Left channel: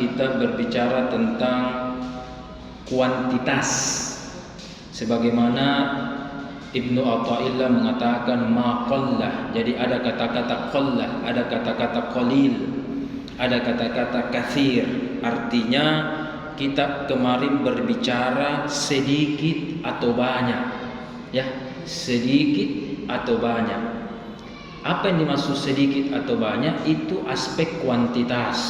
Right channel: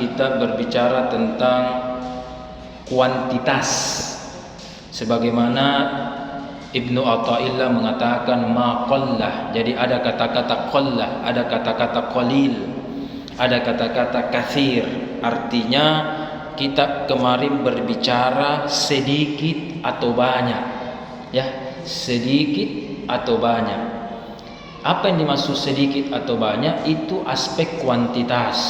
Kita berbicara tentang kuantitas, sebagaimana Ibnu Athaillah mengatakan ma qallah. Jadi ada kata-kata qallah, ada kata-kata qalil, ada kata-kata katsir. Artinya kita kemarin berbicara sedikit atau banyak, ya, sedikit atau banyak. Apa yang dimaksud sedikit atau banyak? Itu aspek kuantitas,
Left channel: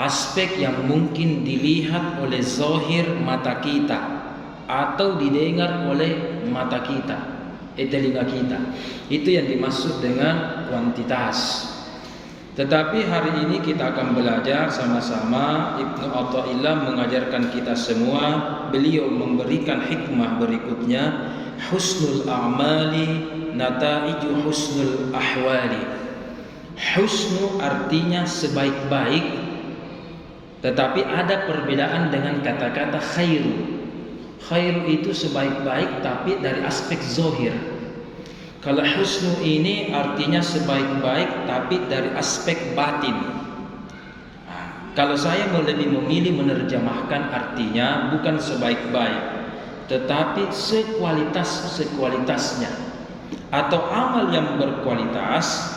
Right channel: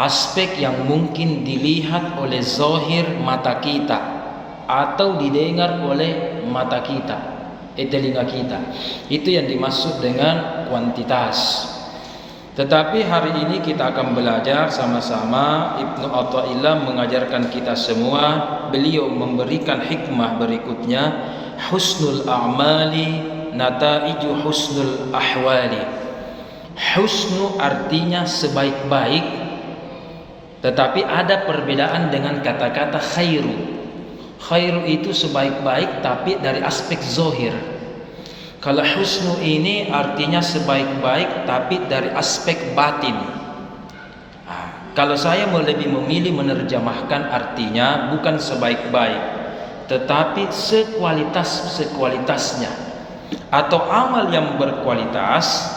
aspek yang mungkin dilihat oleh zahir mata kita atau didengar oleh mata kita, telinga kita. Itu yang dimaksud dengan kuantitas. Tetapi hari ini kita akan belajar sama-sama. Ibnu Athaillah mengajarkan kita semua. Beliau memberikan hikmah berikutnya, husnul a'mali nataiju husnul ahwali. Husnu artinya sebaik-baik, tetapi ada perbedaan dengan kata-kata khairu. Khairu itu sebaik-baik tapi dari aspek zahir. Kalau husnu ini artinya sebaik-baik tapi dari aspek batin. Kalau saya lebih memilih menerjemahkan artinya bukan sebaik-baik, tetapi sekualitas-sekualitasnya. Atau amal yang berkualitas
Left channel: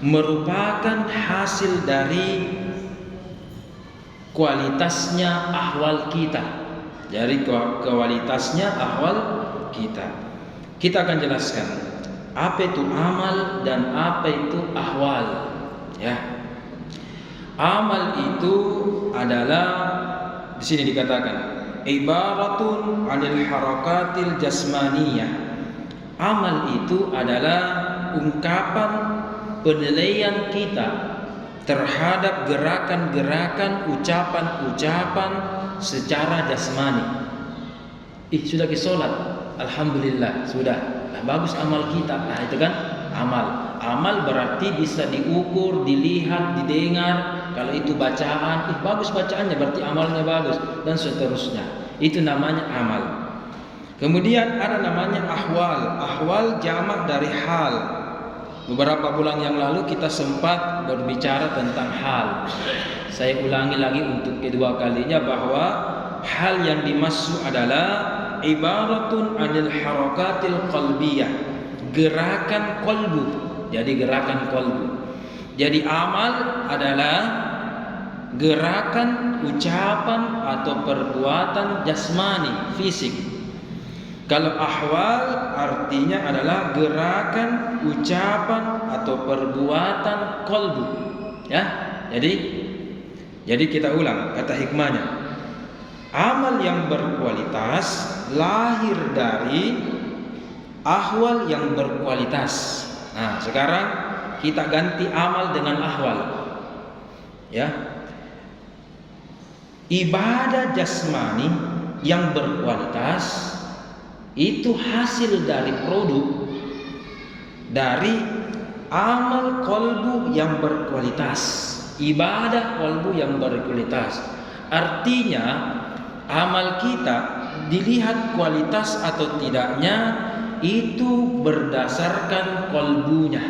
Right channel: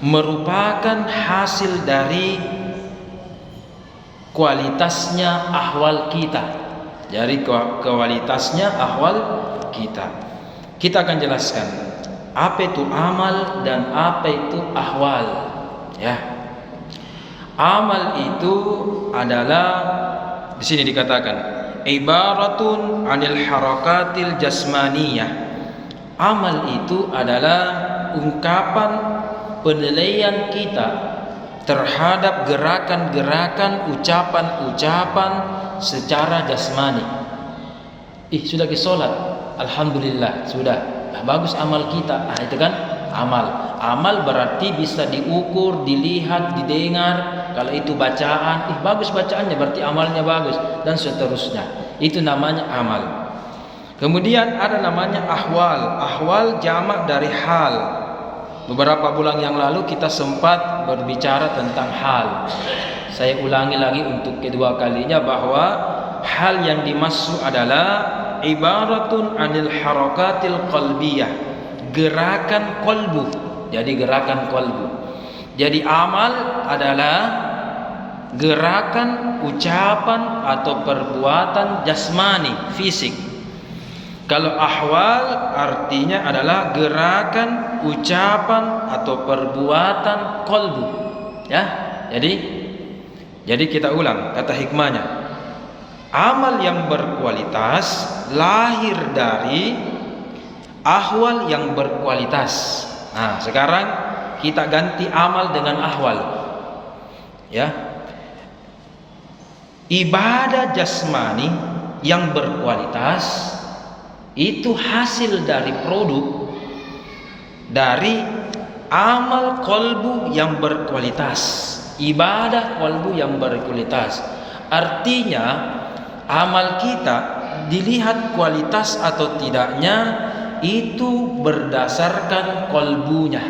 merupakan hasil dari kualitasnya ahwal kita. Dari kualitasnya ahwal kita. Kita akan jelaskan apa itu amal dan apa itu ahwal, ya. Amal itu adalah, di sini dikatakan ibaratun 'anil harakatil jasmaniyah. Amal itu adalah ungkapan penilaian kita terhadap gerakan-gerakan, ucapan-ucapan secara jasmani. Sudah ke sholat, alhamdulillah, sudah. Bagus amal kita. Itu kan amal. Amal berarti bisa diukur, dilihat, didengar. Kalau itu bacaan, bagus bacaannya, berarti amalnya bagus, dan seterusnya. Itu namanya amal. Kemudian ada namanya ahwal. Ahwal jamak dari hal. Beberapa bulan yang lalu kita sempat berbicara tentang hal. Saya ulangi lagi untuk kedua kalinya bahwa hal yang dimaksud adalah ibaratun 'anil harakatil qalbiyah, gerakan qalbu. Jadi gerakan qalbu. Jadi amal adalah gerakan, ucapan atau perbuatan jasmani, fisik. Kalau ahwal artinya adalah gerakan, ucapan atau perbuatan qalbu, ya. Jadi kita ulang kata hikmahnya. Amal yang berkualitas lahir dari ahwal yang berkualitas. Nah, sekarang kita ganti amal dengan ahwal, ya. Ibadah jasmani yang berkualitas itu hasil dari produk dari amal qalbu yang berkualitas, ibadah qalbu yang berkualitas. Artinya amal kita dilihat kualitas atau tidaknya itu berdasarkan qalbunya,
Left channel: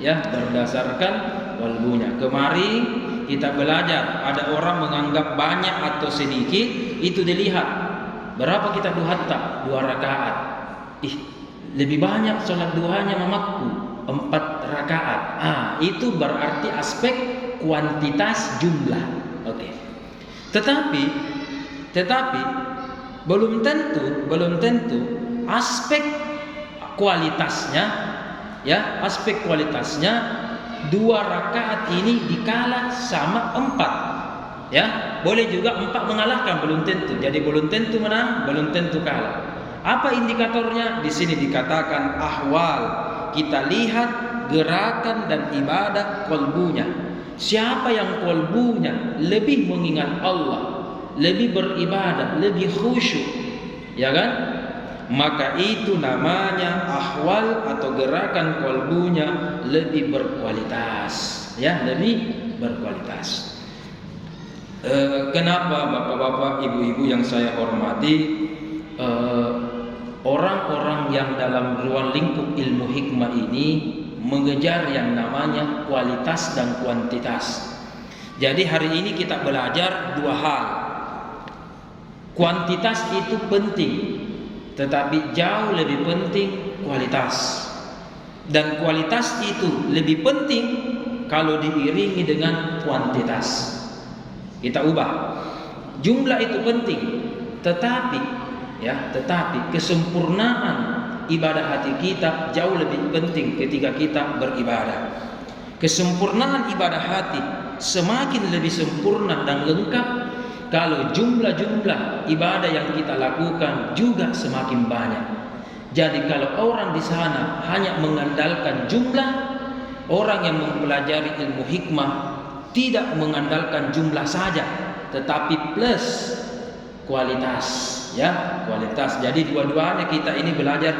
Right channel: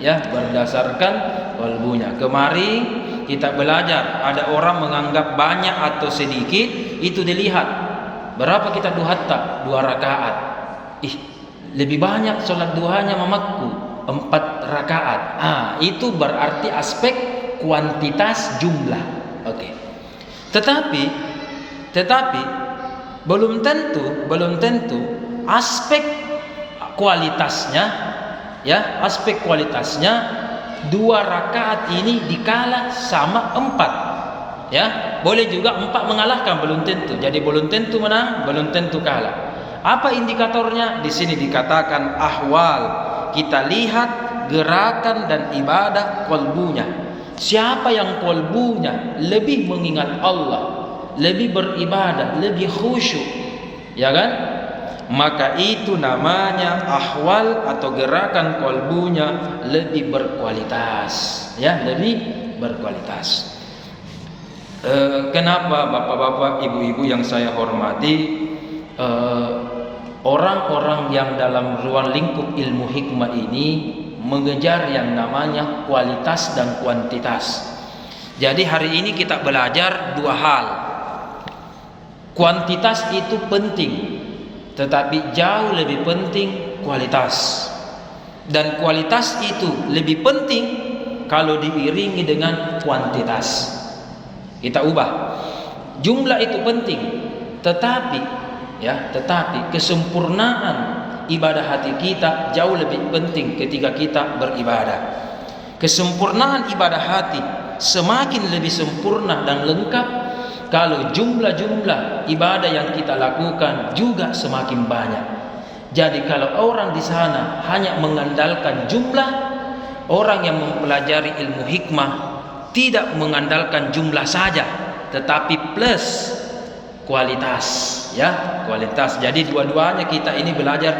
ya, berdasarkan qalbunya. Kemarin kita belajar ada orang menganggap banyak atau sedikit, itu dilihat berapa kita duhatta, 2 rakaat. Lebih banyak sholat duhanya mamaku, 4 rakaat. Itu berarti aspek kuantitas jumlah. Oke. Tetapi belum tentu aspek kualitasnya, ya, aspek kualitasnya 2 rakaat ini dikala sama 4. Ya, boleh juga 4 mengalahkan, belum tentu. Jadi belum tentu menang, belum tentu kalah. Apa indikatornya? Di sini dikatakan ahwal. Kita lihat gerakan dan ibadah qalbunya. Siapa yang qalbunya lebih mengingat Allah, lebih beribadah, lebih khusyuk, ya kan? Maka itu namanya ahwal atau gerakan qalbunya lebih berkualitas, ya, lebih berkualitas. Kenapa bapak-bapak, ibu-ibu yang saya hormati, orang-orang yang dalam ruang lingkup ilmu hikmah ini mengejar yang namanya kualitas dan kuantitas. Jadi hari ini kita belajar dua hal. Kuantitas itu penting, tetapi jauh lebih penting kualitas. Dan kualitas itu lebih penting kalau diiringi dengan kuantitas. Kita ubah. Jumlah itu penting, tetapi kesempurnaan ibadah hati kita jauh lebih penting ketika kita beribadah. Kesempurnaan ibadah hati semakin lebih sempurna dan lengkap kalau jumlah-jumlah ibadah yang kita lakukan juga semakin banyak. Jadi kalau orang di sana hanya mengandalkan jumlah, orang yang mempelajari ilmu hikmah tidak mengandalkan jumlah saja, tetapi plus kualitas, ya, kualitas. Jadi dua-duanya kita ini belajar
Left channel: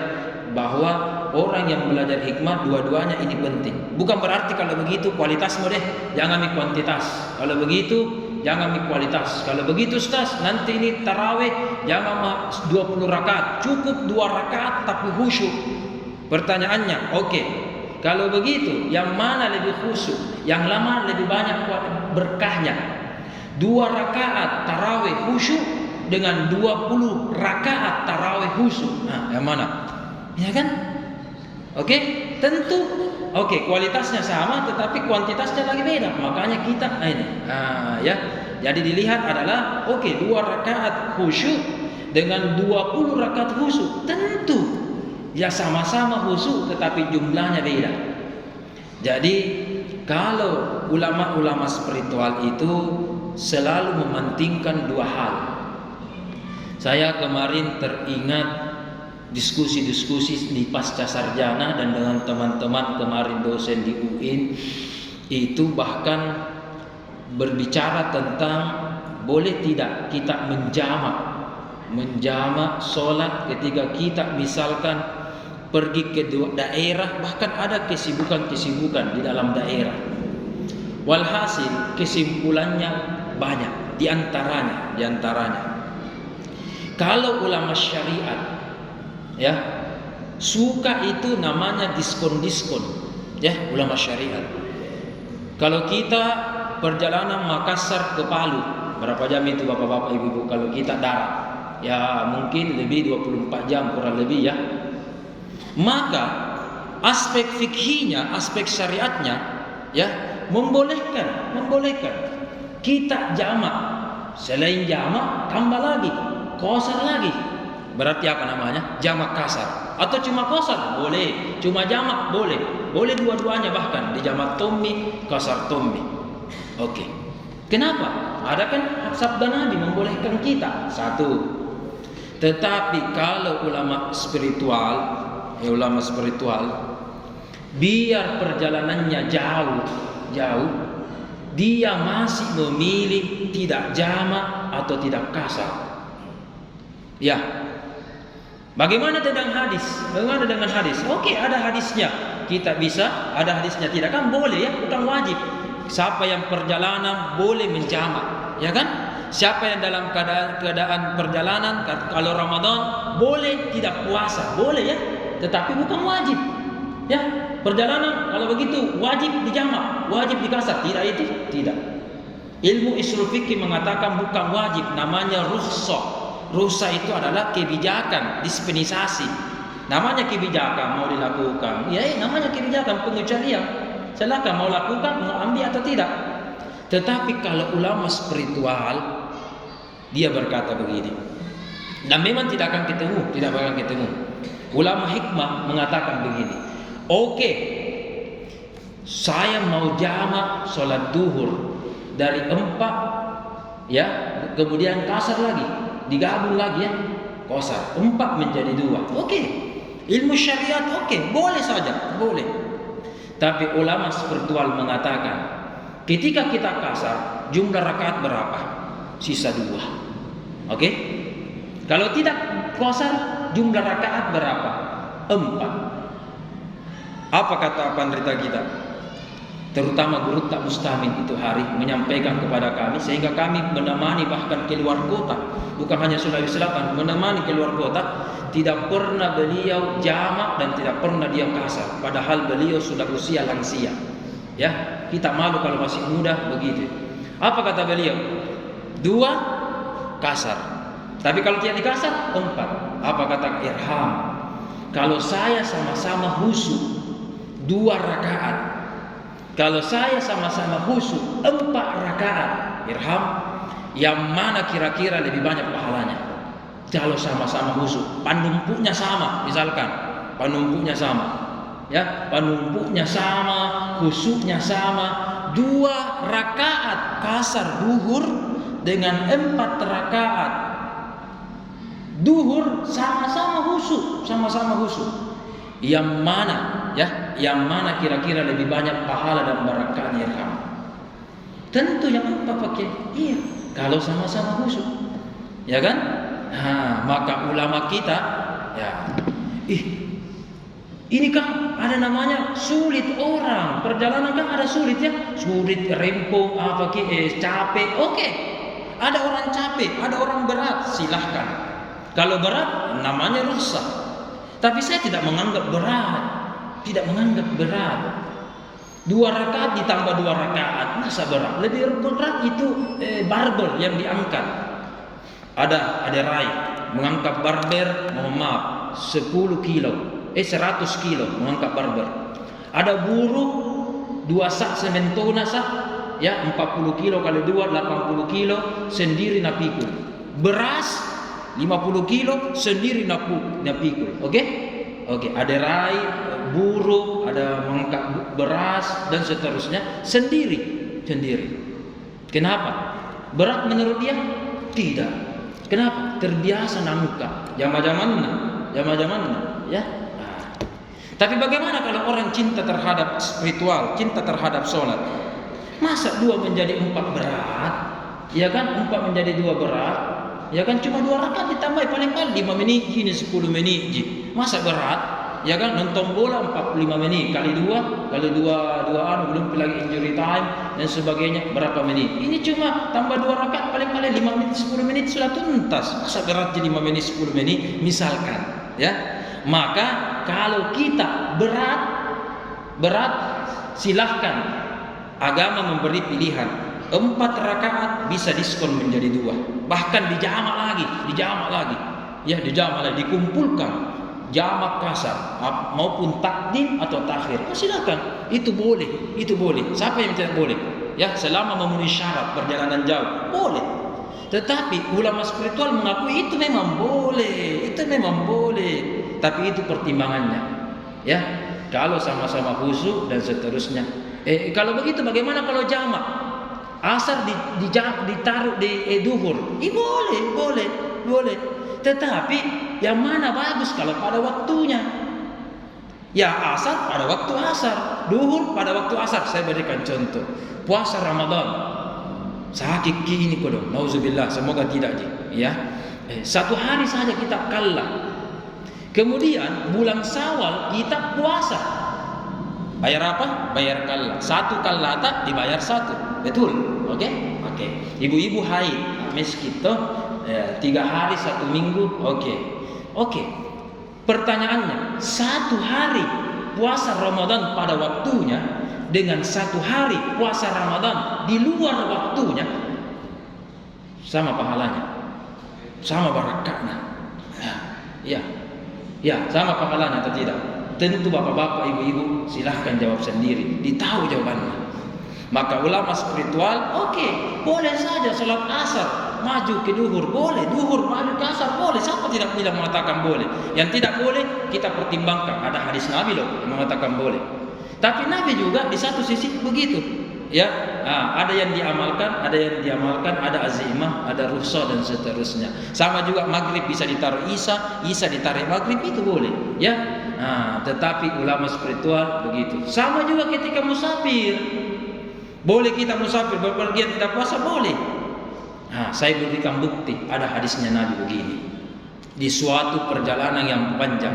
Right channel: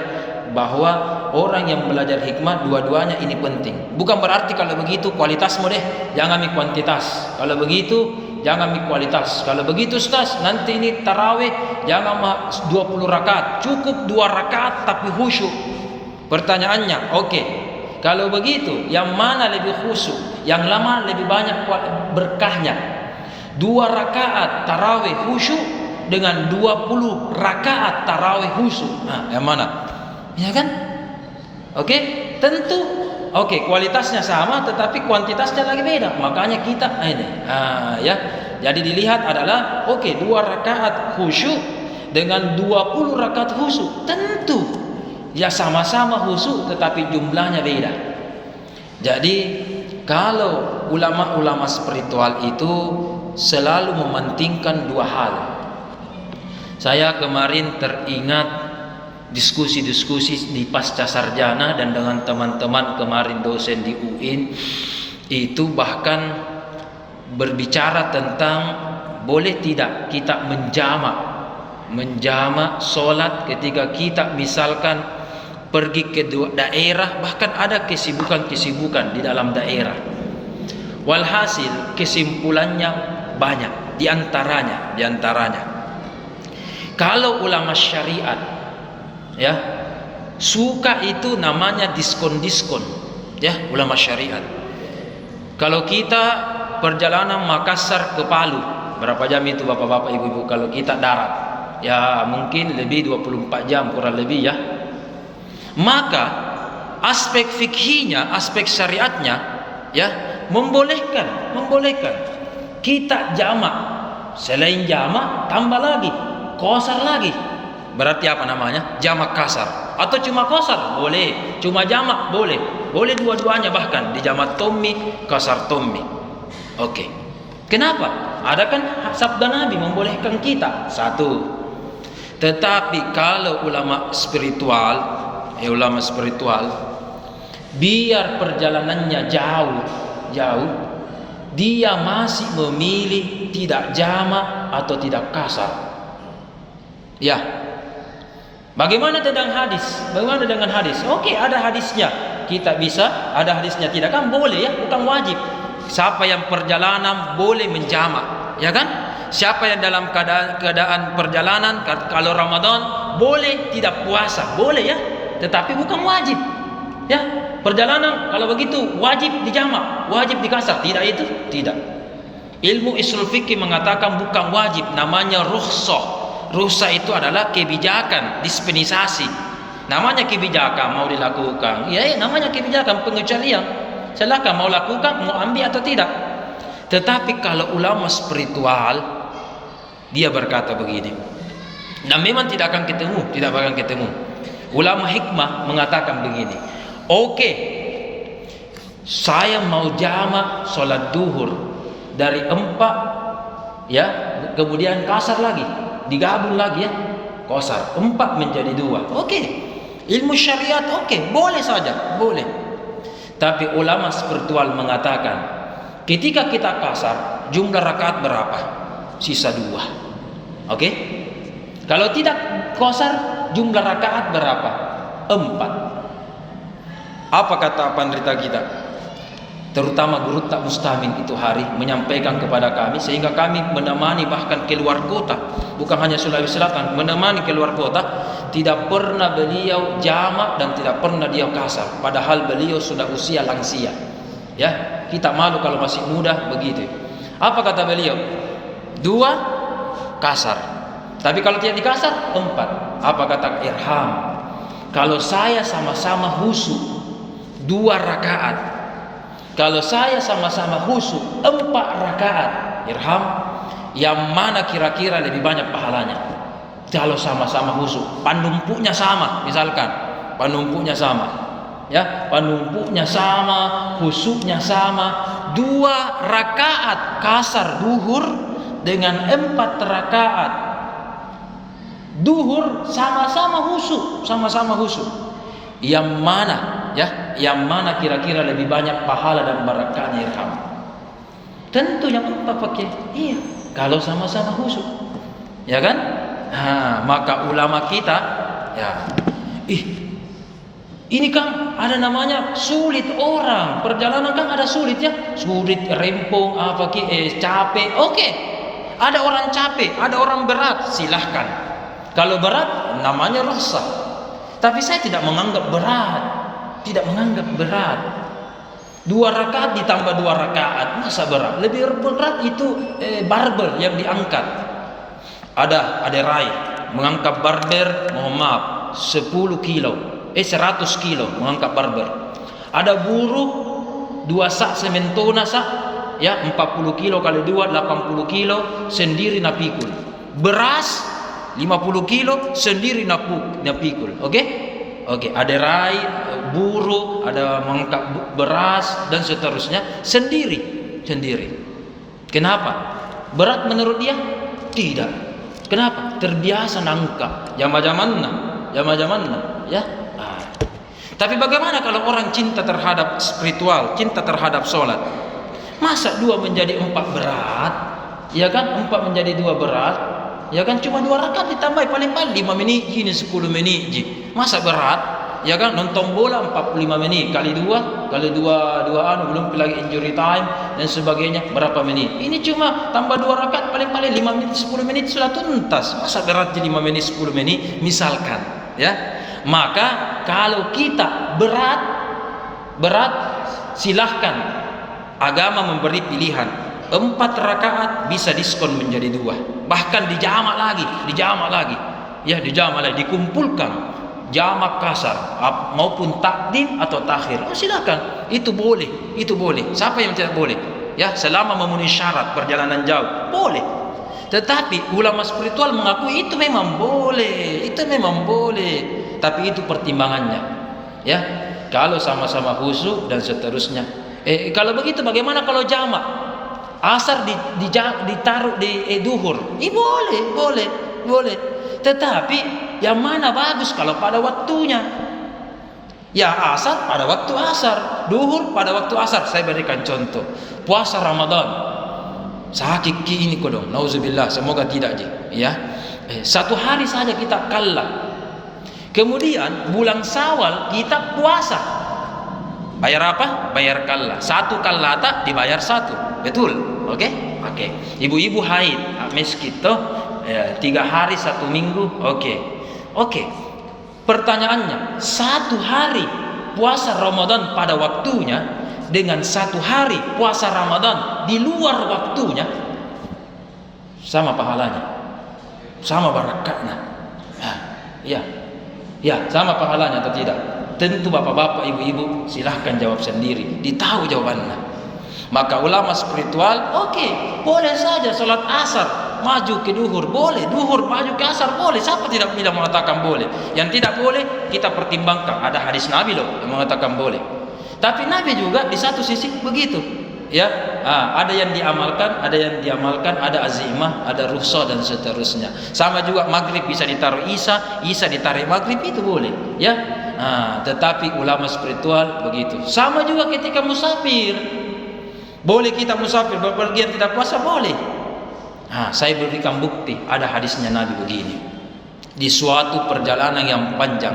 bahwa orang yang belajar hikmah dua-duanya ini penting. Bukan berarti kalau begitu kualitasmu deh, jangan mi kuantitas. Kalau begitu jangan mi kualitas. Kalau begitu Ustaz, nanti ini tarawih jangan 20 rakaat, cukup 2 rakaat tapi khusyuk. Pertanyaannya, oke. Kalau begitu, yang mana lebih khusyuk? Yang lama lebih banyak berkahnya. 2 rakaat tarawih khusyuk dengan 20 rakaat tarawih khusyuk. Nah, yang mana? Ya kan? Oke, tentu. Oke, kualitasnya sama tetapi kuantitasnya lagi beda. Makanya kita ini. Ya. Jadi dilihat adalah 2 rakaat khusyuk dengan 20 rakaat khusyuk. Tentu ya sama-sama khusyuk tetapi jumlahnya beda. Jadi kalau ulama-ulama spiritual itu selalu mementingkan 2 hal. Saya kemarin teringat diskusi-diskusi di pasca sarjana dan dengan teman-teman kemarin dosen di UIN itu bahkan berbicara tentang boleh tidak kita menjamak sholat ketika kita misalkan pergi ke daerah, bahkan ada kesibukan-kesibukan di dalam daerah. Walhasil kesimpulannya banyak, diantaranya kalau ulama syariat ya suka itu namanya diskon-diskon, ya, ulama syariat. Kalau kita perjalanan Makassar ke Palu, berapa jam itu bapak-bapak ibu-ibu? Kalau kita darat ya mungkin lebih 24 jam kurang lebih, ya. Maka aspek fikihnya, aspek syariatnya ya membolehkan kita jamak. Selain jamak tambah lagi qasar lagi. Berarti apa namanya? Jamak kasar. Atau cuma qasar boleh, cuma jamak boleh. Boleh dua-duanya, bahkan di jamak tommi, qasar tommi. Oke. Kenapa? Ada kan sabda Nabi membolehkan kita. Satu. Tetapi kalau ulama spiritual biar perjalanannya jauh, dia masih memilih tidak jamak atau tidak kasar. Ya. Bagaimana dengan hadis? Oke, ada hadisnya. Kita bisa, ada hadisnya tidak kan boleh, ya, bukan wajib. Siapa yang perjalanan boleh menjamak, ya kan? Siapa yang dalam keadaan perjalanan kalau Ramadan boleh tidak puasa, boleh, ya. Tetapi bukan wajib. Ya, perjalanan kalau begitu wajib dijamak, wajib dikasar, tidak itu? Tidak. Ilmu ushul fikih mengatakan bukan wajib, namanya rukhsah. Rukhsah itu adalah kebijakan, dispensasi. Namanya kebijakan mau dilakukan. Ya, namanya kebijakan, pengecualian. Silakan mau lakukan, mau ambil atau tidak. Tetapi kalau ulama spiritual dia berkata begini. Dan memang tidak akan ketemu. Ulama hikmah mengatakan begini. Oke, saya mau jamak sholat duhur dari 4, ya, kemudian kasar lagi, digabung lagi, ya, qasar 4 menjadi 2. Oke, ilmu syariat boleh saja, boleh. Tapi ulama spiritual mengatakan, ketika kita kasar, jumlah rakaat berapa? Sisa 2. Oke? Kalau tidak qasar, jumlah rakaat berapa? 4. Apa kata pendeta kita? Terutama guru tak mustamin itu hari menyampaikan kepada kami, sehingga kami menemani bahkan keluar kota, bukan hanya Sulawesi Selatan, menemani keluar kota. Tidak pernah beliau jamak dan tidak pernah dia kasar, padahal beliau sudah usia lansia. Ya, kita malu kalau masih muda begitu. Apa kata beliau? 2 kasar. Tapi kalau tidak dikasar 4. Apa kata Irham? Kalau saya sama-sama khusyuk 2 rakaat, kalau saya sama-sama khusyuk 4 rakaat, Irham, yang mana kira-kira lebih banyak pahalanya? Kalau sama-sama khusyuk, panumpuknya sama, misalkan panumpuknya sama, ya, panumpuknya sama, khusyuknya sama, 2 rakaat kasar duhur dengan 4 rakaat duhur sama-sama khusyuk, sama-sama khusyuk. Yang mana, ya, yang mana kira-kira lebih banyak pahala dan barakahnya, Irham? Tentu yang 4 pakai. Iya, kalau sama-sama khusyuk, ya kan? Nah, maka ulama kita, ya, ini kan ada namanya sulit orang. Perjalanan kan ada sulit, ya. Sulit, rempong, capek. Oke. Ada orang capek, ada orang berat, silahkan. Kalau berat namanya rukhsah. Tapi saya tidak menganggap berat. Tidak menganggap berat. 2 rakaat ditambah 2 rakaat, masa berat? Lebih berat itu barbel yang diangkat. Ada rai mengangkat barber, mohon maaf, 10 kilo, 100 kilo mengangkat barber. Ada buruh 2 sak sementona sak, ya, 40 kilo kali 2 80 kilo sendiri napikul. Beras 50 kilo sendiri napikul. Oke? Ada rai buruh, ada mengangkat beras dan seterusnya sendiri. Kenapa? Berat menurut dia? Tidak. Kenapa? Terbiasa nangka. Yang macam mana? Ya. Tapi bagaimana kalau orang cinta terhadap spiritual, cinta terhadap sholat? Masa 2 menjadi 4 berat? Ya kan? 4 menjadi 2 berat? Ya kan? Cuma 2 rakaat ditambah paling-paling 5 menit, ini 10 menit. Masa berat? Ya kan? Nonton bola 45 menit kali 2 belum lagi injury time dan sebagainya, berapa menit? Ini cuma tambah 2 rakaat paling-paling 5 menit 10 menit sudah tuntas. Masa berat jadi 5 menit 10 menit misalkan, ya. Maka kalau kita berat silahkan, agama memberi pilihan. 4 rakaat bisa diskon menjadi 2, bahkan dijamak lagi, ya, dijamak lagi, dikumpulkan jamak kasar maupun takdim atau takhir. Silakan, itu boleh. Siapa yang tidak boleh? Ya, selama memenuhi syarat perjalanan jauh, boleh. Tetapi ulama spiritual mengakui itu memang boleh. Tapi itu pertimbangannya. Ya, kalau sama-sama khusyuk dan seterusnya. Kalau begitu bagaimana kalau jamak? Asar ditaruh di duhur. Boleh. Tetapi yang mana bagus kalau pada waktunya? Ya, asar pada waktu asar, duhur pada waktu asar. Saya berikan contoh. Puasa Ramadan. Sakit ini kodong. Nauzubillah, semoga tidak ya. 1 hari saja kita kalah. Kemudian bulan Syawal kita puasa. Bayar apa? Bayar kalah. 1 kalata dibayar 1. Betul? Oke. Ibu-ibu haid, miskin toh. 3 hari 1 minggu. Oke. Pertanyaannya, 1 hari puasa Ramadan pada waktunya dengan 1 hari puasa Ramadan di luar waktunya, sama pahalanya, sama barakahnya. Ya, sama pahalanya atau tidak? Tentu bapak-bapak, ibu-ibu silahkan jawab sendiri. Ditahu jawabannya. Maka ulama spiritual, boleh saja salat asar maju ke duhur, boleh. Duhur maju ke asar, boleh. Siapa tidak bilang mengatakan boleh? Yang tidak boleh kita pertimbangkan. Ada hadis Nabi loh yang mengatakan boleh. Tapi Nabi juga di satu sisi begitu. Ya, ada yang diamalkan, ada azimah, ada rukhsah dan seterusnya. Sama juga maghrib bisa ditaruh Isa ditarik maghrib, itu boleh. Ya, tetapi ulama spiritual begitu. Sama juga ketika musafir. Boleh kita musafir bepergian tidak puasa, boleh. Saya berikan bukti, ada hadisnya Nabi begini. Di suatu perjalanan yang panjang,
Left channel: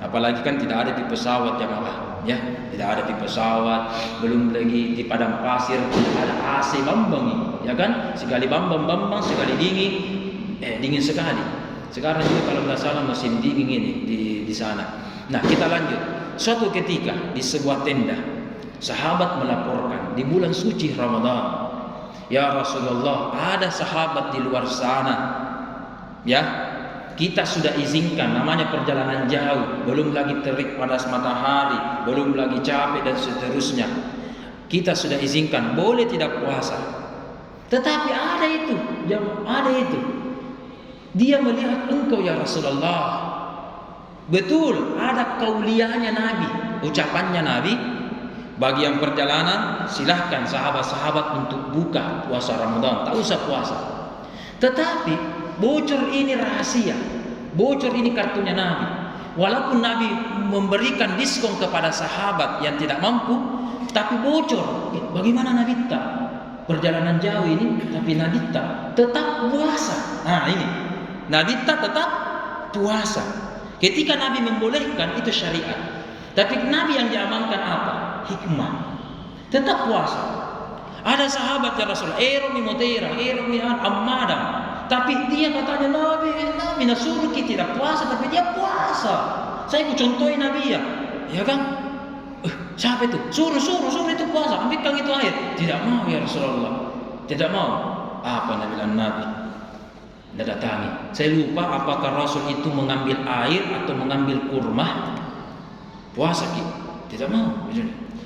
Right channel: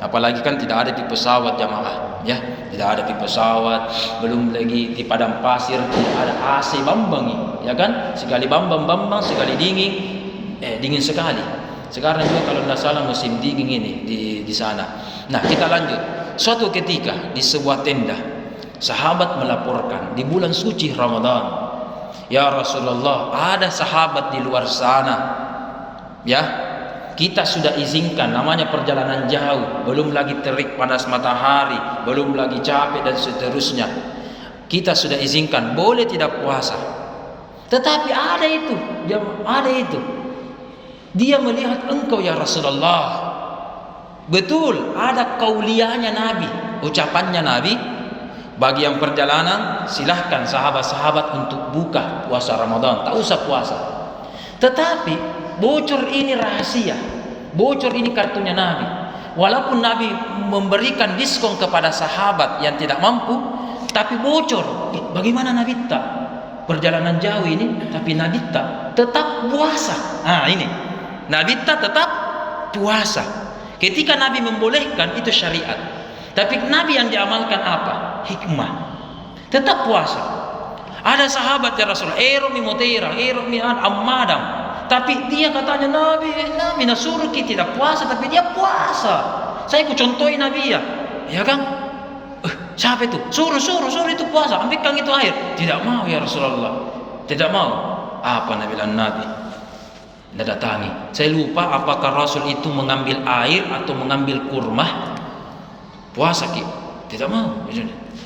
apalagi kan tidak ada di pesawat jamaah, ya, tidak ada di pesawat, belum lagi di padang pasir, ada AC bambang, ya kan? Sekali bambang, sekali dingin sekali. Sekarang juga kalau tidak salah musim dingin ini di sana. Nah, kita lanjut. Suatu ketika di sebuah tenda, sahabat melaporkan di bulan suci Ramadan "Ya Rasulullah, ada sahabat di luar sana, ya, kita sudah izinkan, namanya perjalanan jauh, belum lagi terik panas matahari, belum lagi capek dan seterusnya. Kita sudah izinkan, boleh tidak puasa. Tetapi ada itu, dia melihat engkau ya Rasulullah." Betul, ada kauliahnya Nabi, ucapannya Nabi, bagi yang perjalanan silahkan sahabat-sahabat untuk buka puasa Ramadan, tak usah puasa. Tetapi bocor ini rahasia, bocor ini kartunya Nabi. Walaupun Nabi memberikan diskon kepada sahabat yang tidak mampu, tapi bocor. Bagaimana Nabi tak perjalanan jauh ini, tapi Nabi tak tetap puasa. Nah ini, Nabi tak tetap puasa. Ketika Nabi membolehkan itu syariat, tapi Nabi yang diamalkan apa? Hikmah. Tetap puasa. Ada sahabat ya Rasulullah, Eromi Mutera, Eromi Ammadam, tapi dia katanya Nabi nasuruh kita tidak puasa, tapi dia puasa. Saya ku contohin Nabi ya kan? Siapa itu? Suruh itu puasa, ambilkan itu air. Tidak mau ya Rasulullah, tidak mau. Apa Nabi bilang Nabi? Tidak datangi. Saya lupa apakah Rasul itu mengambil air atau mengambil kurma. Puasa tidak mau.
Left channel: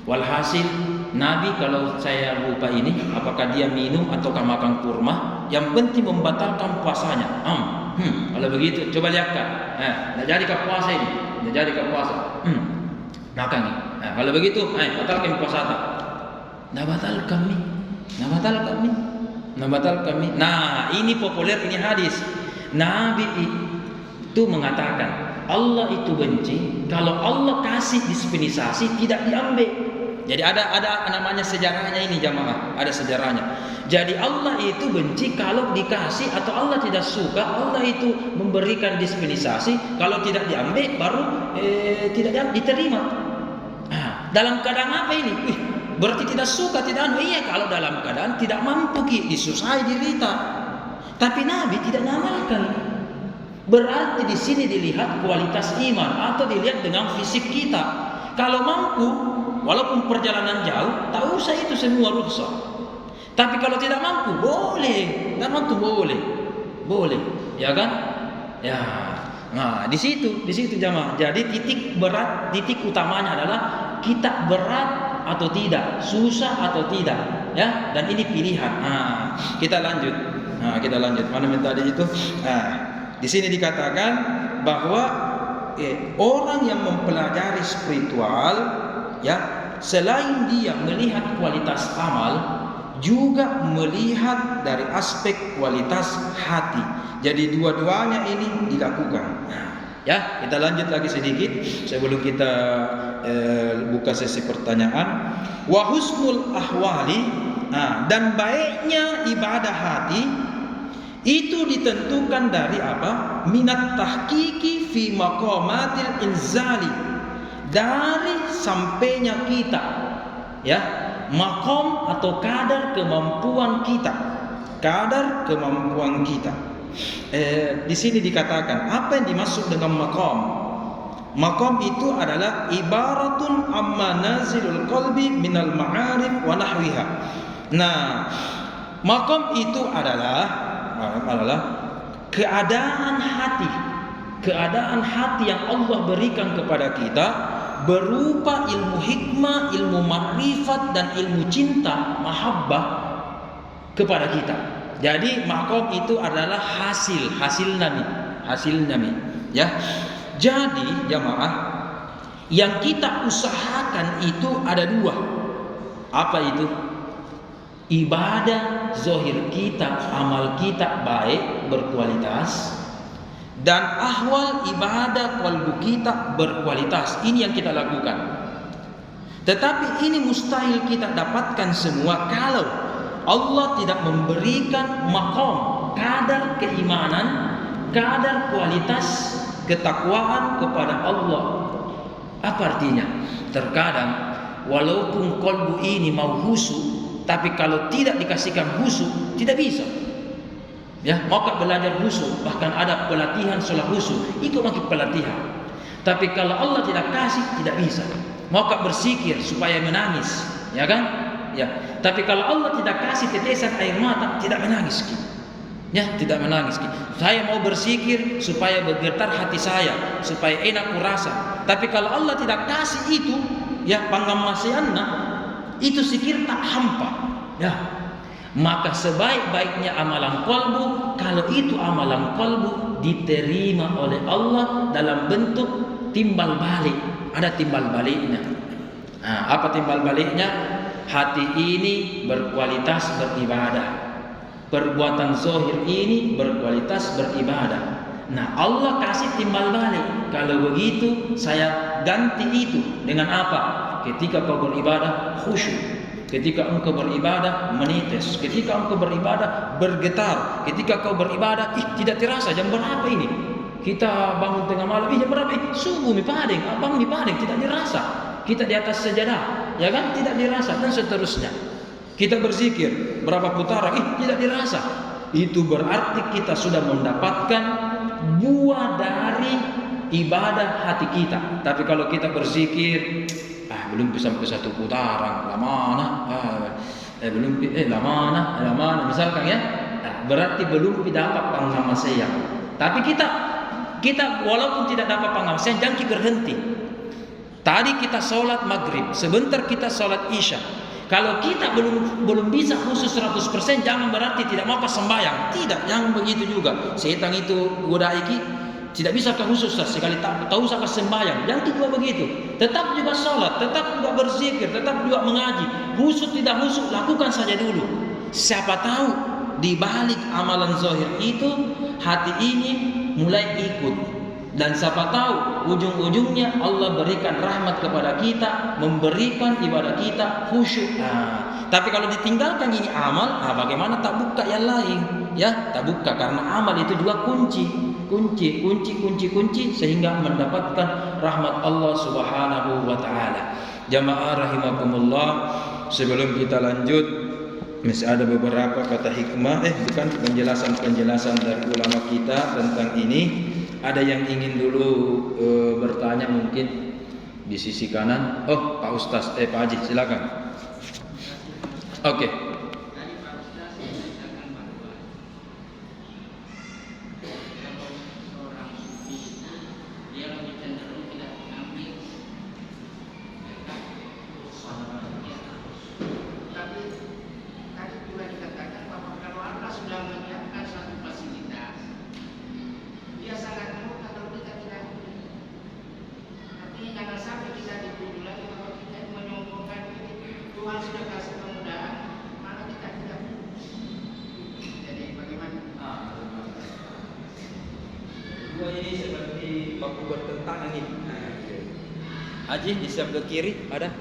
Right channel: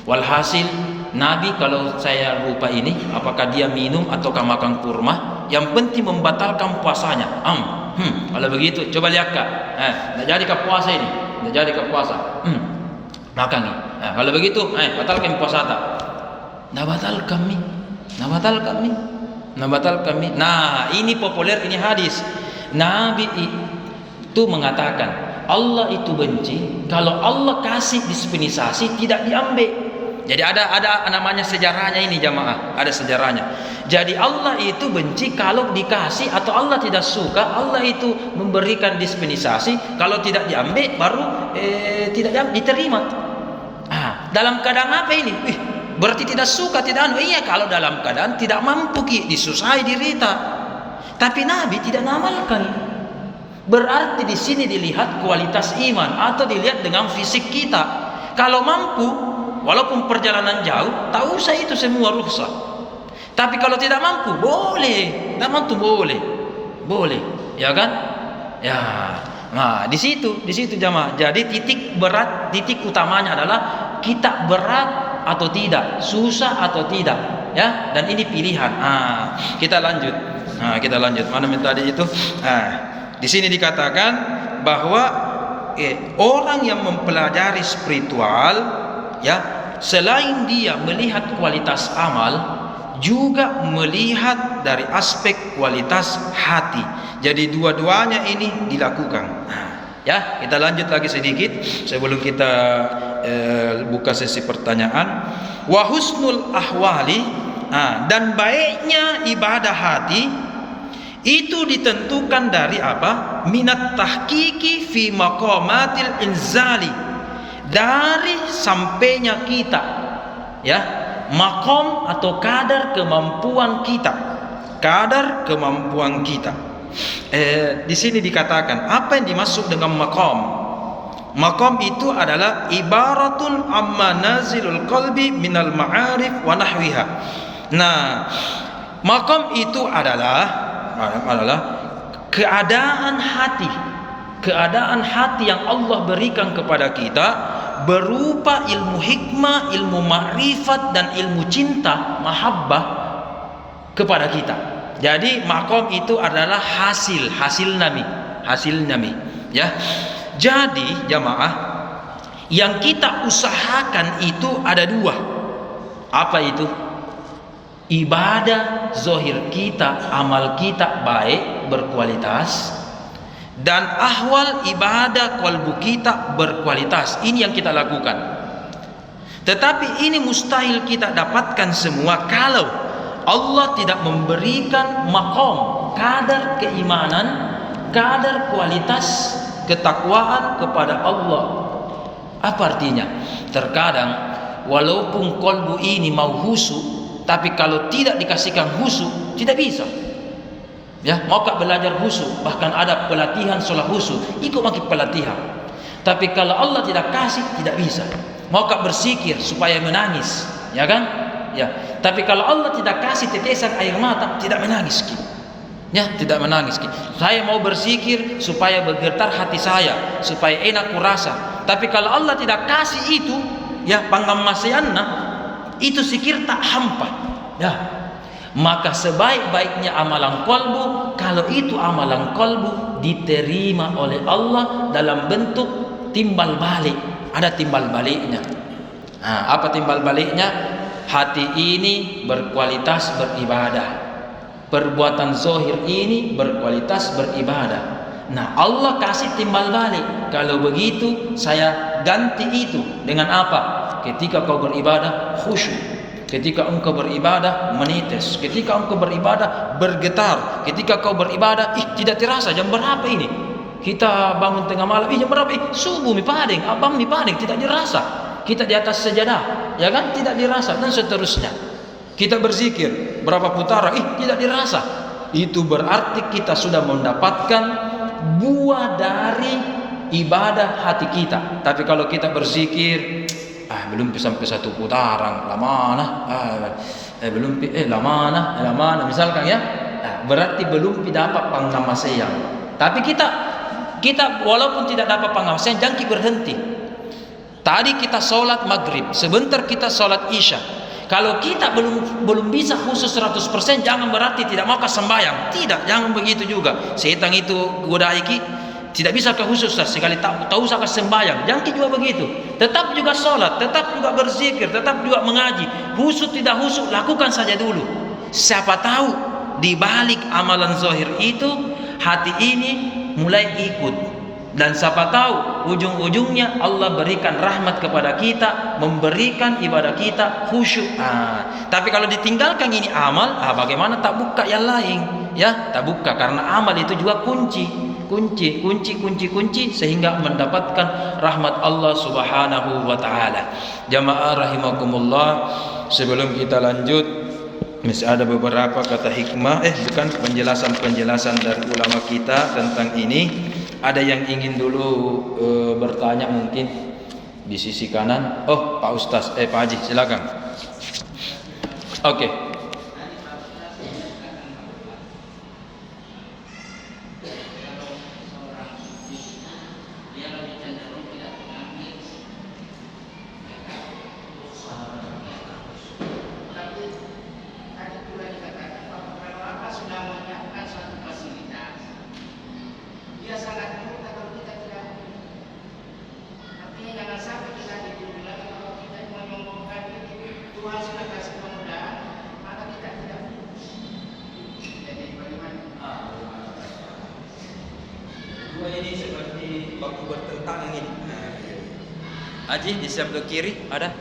Walhasil Nabi, kalau saya lupa ini, apakah dia minum ataukah makan kurma, yang penting membatalkan puasanya. Kalau begitu coba lihat kak, tidak jadi ke puasa ini, tidak jadi ke puasa. Makan nih. Kalau begitu, batalkan puasa tak? Nah batal kami. Nah ini populer, ini hadis. Nabi itu mengatakan Allah itu benci kalau Allah kasih dispensasi tidak diambil. Jadi ada namanya sejarahnya ini jamaah, ada sejarahnya. Jadi Allah itu benci kalau dikasih, atau Allah tidak suka Allah itu memberikan dispensasi, kalau tidak diambil baru tidak diterima. Dalam keadaan apa ini? Berarti tidak suka, tidak iya, kalau dalam keadaan tidak mampu disusahai dirita. Tapi Nabi tidak mengamalkan. Berarti di sini dilihat kualitas iman atau dilihat dengan fisik kita. Kalau mampu, walaupun perjalanan jauh, tak usah itu semua rukhsah. Tapi kalau tidak mampu, boleh. Tak mampu boleh, ya kan? Ya. Nah, di situ jamaah. Jadi titik utamanya adalah kita berat atau tidak, susah atau tidak, ya. Dan ini pilihan. Kita lanjut. Mana yang tadi itu? Di sini dikatakan bahwa orang yang mempelajari spiritual, ya, selain dia melihat kualitas amal, juga melihat dari aspek kualitas hati. Jadi dua-duanya ini dilakukan. Ya, kita lanjut lagi sedikit sebelum kita buka sesi pertanyaan. Wa husnul ahwali, dan baiknya ibadah hati itu ditentukan dari apa? Minat tahqiqi fi maqamatil inzali, dari sampainya kita, ya, makom atau kadar kemampuan kita. Di sini dikatakan apa yang dimaksud dengan makom. Makom itu adalah ibaratun amma nazilul qalbi minal ma'arif wa nahwiha. Nah, makom itu adalah keadaan hati yang Allah berikan kepada kita berupa ilmu hikmah, ilmu ma'rifat, dan ilmu cinta, mahabbah kepada kita. Jadi makom itu adalah hasil nami, ya. Jadi jamaah, yang kita usahakan itu ada dua. Apa itu? Ibadah zohir kita, amal kita baik, berkualitas, dan ahwal ibadah qalbu kita berkualitas. Ini yang kita lakukan. Tetapi ini mustahil kita dapatkan semua kalau Allah tidak memberikan makom, kadar keimanan, kadar kualitas ketakwaan kepada Allah. Apa artinya? Terkadang walaupun qalbu ini mau khusyuk, tapi kalau tidak dikasihkan khusyuk tidak bisa. Ya, mau belajar khusyuk, bahkan ada pelatihan sholat khusyuk, ikut makin pelatihan. Tapi kalau Allah tidak kasih, tidak bisa. Mau berzikir supaya menangis, ya kan? Ya, tapi kalau Allah tidak kasih tetesan air mata, tidak menangis kita. Ya, tidak menangis kita. Saya mau berzikir supaya bergetar hati saya, supaya enak kurasa. Tapi kalau Allah tidak kasih itu, ya pangamasianna, itu zikir tak hampa. Ya. Maka sebaik-baiknya amalan kolbu, kalau itu amalan kolbu diterima oleh Allah dalam bentuk timbal balik. Ada timbal baliknya. Nah, apa timbal baliknya? Hati ini berkualitas beribadah. Perbuatan zahir ini berkualitas beribadah. Nah, Allah kasih timbal balik. Kalau begitu, saya ganti itu dengan apa? Ketika kau beribadah khusyuk. Ketika engkau beribadah menitis, ketika engkau beribadah bergetar, ketika kau beribadah, tidak terasa jam berapa ini? Kita bangun tengah malam, jam berapa? Subuh mi pading, abang mi pading, tidak dirasa. Kita di atas sajadah, ya kan? Tidak dirasa dan seterusnya. Kita berzikir, berapa putaran, tidak dirasa. Itu berarti kita sudah mendapatkan buah dari ibadah hati kita. Tapi kalau kita berzikir belum sampai satu putaran, lama belum lama misalkan ya, berarti belum dapat pangamasayang. Tapi kita walaupun tidak dapat pangamasayang, jangan berhenti. Tadi kita sholat maghrib, sebentar kita sholat isya. Kalau kita belum bisa khusus 100%, jangan berarti tidak mau sembahyang. Tidak, jangan begitu juga. Setan itu godai tidak bisa ke khusus sekali tahu usah ke sembahyang. Jangan juga begitu. Tetap juga sholat, tetap juga berzikir, tetap juga mengaji. Khusus tidak khusus, lakukan saja dulu. Siapa tahu di balik amalan zahir itu hati ini mulai ikut. Dan siapa tahu ujung-ujungnya Allah berikan rahmat kepada kita, memberikan ibadah kita khusyuk. Tapi kalau ditinggalkan ini amal, bagaimana tak buka yang lain? Ya, tak buka karena amal itu juga kunci sehingga mendapatkan rahmat Allah Subhanahu wa taala. Jamaah rahimakumullah, sebelum kita lanjut masih ada beberapa kata hikmah penjelasan dari ulama kita tentang ini. Ada yang ingin dulu bertanya mungkin di sisi kanan. Oh, Pak Ustaz, Pak Haji, silakan. Oke. Ini seperti baku bertentangan ini. Haji di sebelah kiri ada.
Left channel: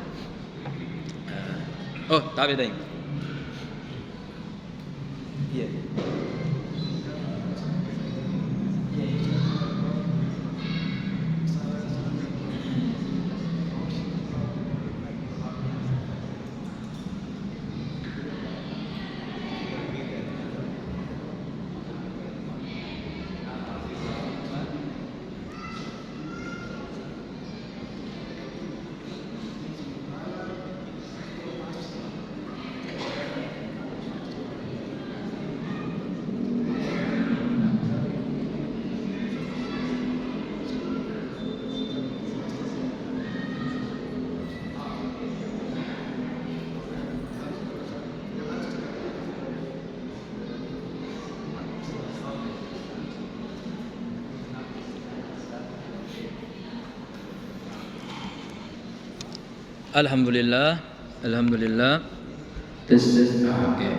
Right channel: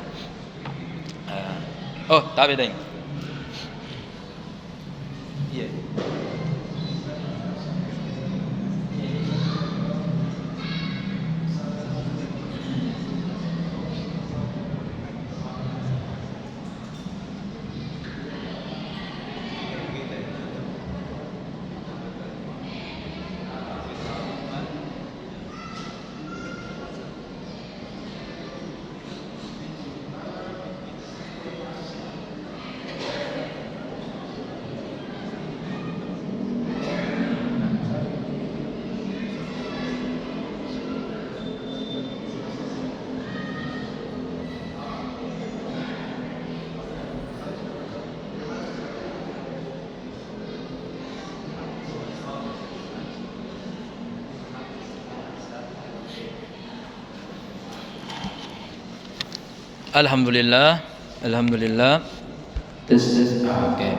Oh, tapi deng. Iya. Alhamdulillah. Tes. Oke.